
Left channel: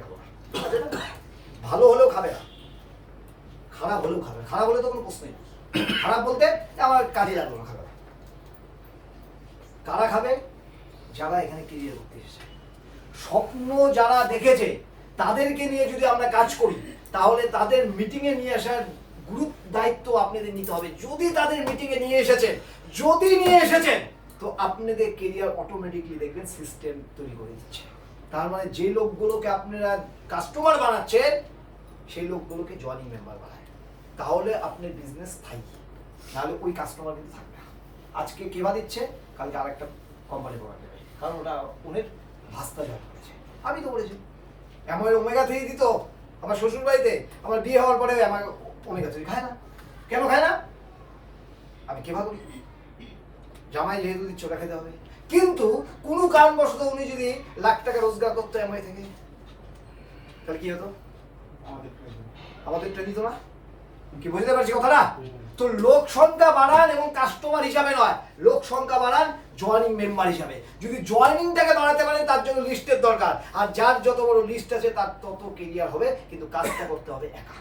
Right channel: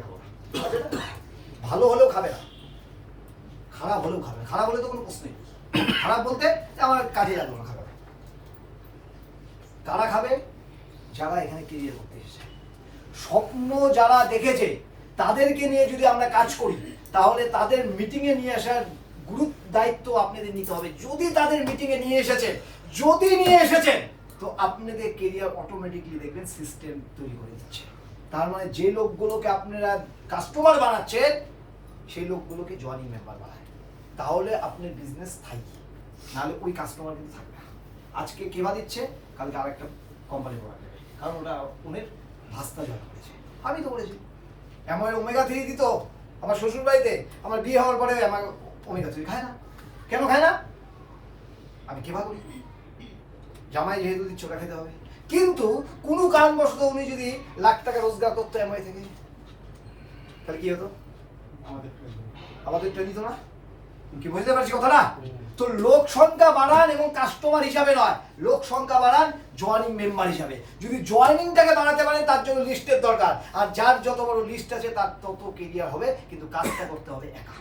ভালো হলেও খাবে না, খারাপ হলেও খাবে না। খারাপ হলে তো কোনো প্রশ্নই নেই। খারাপ বলতে আমার কাজে লাগলো না, খাবে না। কারা খাবে? যারা এখানে ক্যারিয়ার করতে এসেছে, স্বপ্ন যারা দেখেছে, তাদেরকে নিয়ে যদি আমরা কাজ করি তাহলে তাদের মিটিংয়ে নিয়ে আসার গুরুত্ব দায়িত্ব আপনাদের নিতে হবে। যদি তাদের মিটিংয়ে নিয়ে এসেছেন তো আপনাদের ক্যারিয়ার অটোমেটিকলি দেখবেন সিস্টেম তৈরি করে দিচ্ছে। তার মানে যে লোকগুলোকে আপনারা কাস্টমার বানাচ্ছেন সেই লোকগুলোকে জয়েনিং মেম্বার বানায়, তাহলে আপনার বিজনেস স্থায়ী। নাহলে ওই কাস্টমার কিন্তু থাকবে না। আজকে কেবা দিচ্ছে, কালকে আরেকটা কোম্পানি প্রোডাক্ট দেবে, কারণ ওটা ওনের ভাস্তা জয়েন করেছে। আমি তো বলেছি আমার ওমেগা 3 দিত আমার শ্বশুর বাড়িতে, আমার বিয়ে হওয়ার পরে আমার ওমেগা 3 খায় না। কেন খায় না? আমি কেবা করি, জামাই যেহেতু দিচ্ছে ওটা খেতে হবে। কিন্তু কোনো কারণবশত উনি যদি লাখ টাকা রোজগার করতো এমআই থেকে, তাহলে কি হতো? আমাদের দিত না। কি বুঝতে পারছি কথাটা? তো লোক সংখ্যা বাড়ান এবং কাস্টমার হিসাবে নয়, লোক সংখ্যা বাড়ান জয়েনিং মেম্বার হিসাবে। যদি জয়েনিংটাকে বাড়াতে পারেন তার জন্য লিস্টের দরকার, আর যার যত বড় লিস্ট আছে তার তত ক্যারিয়ার হবে, কিন্তু কাজটা করতে হবে একা।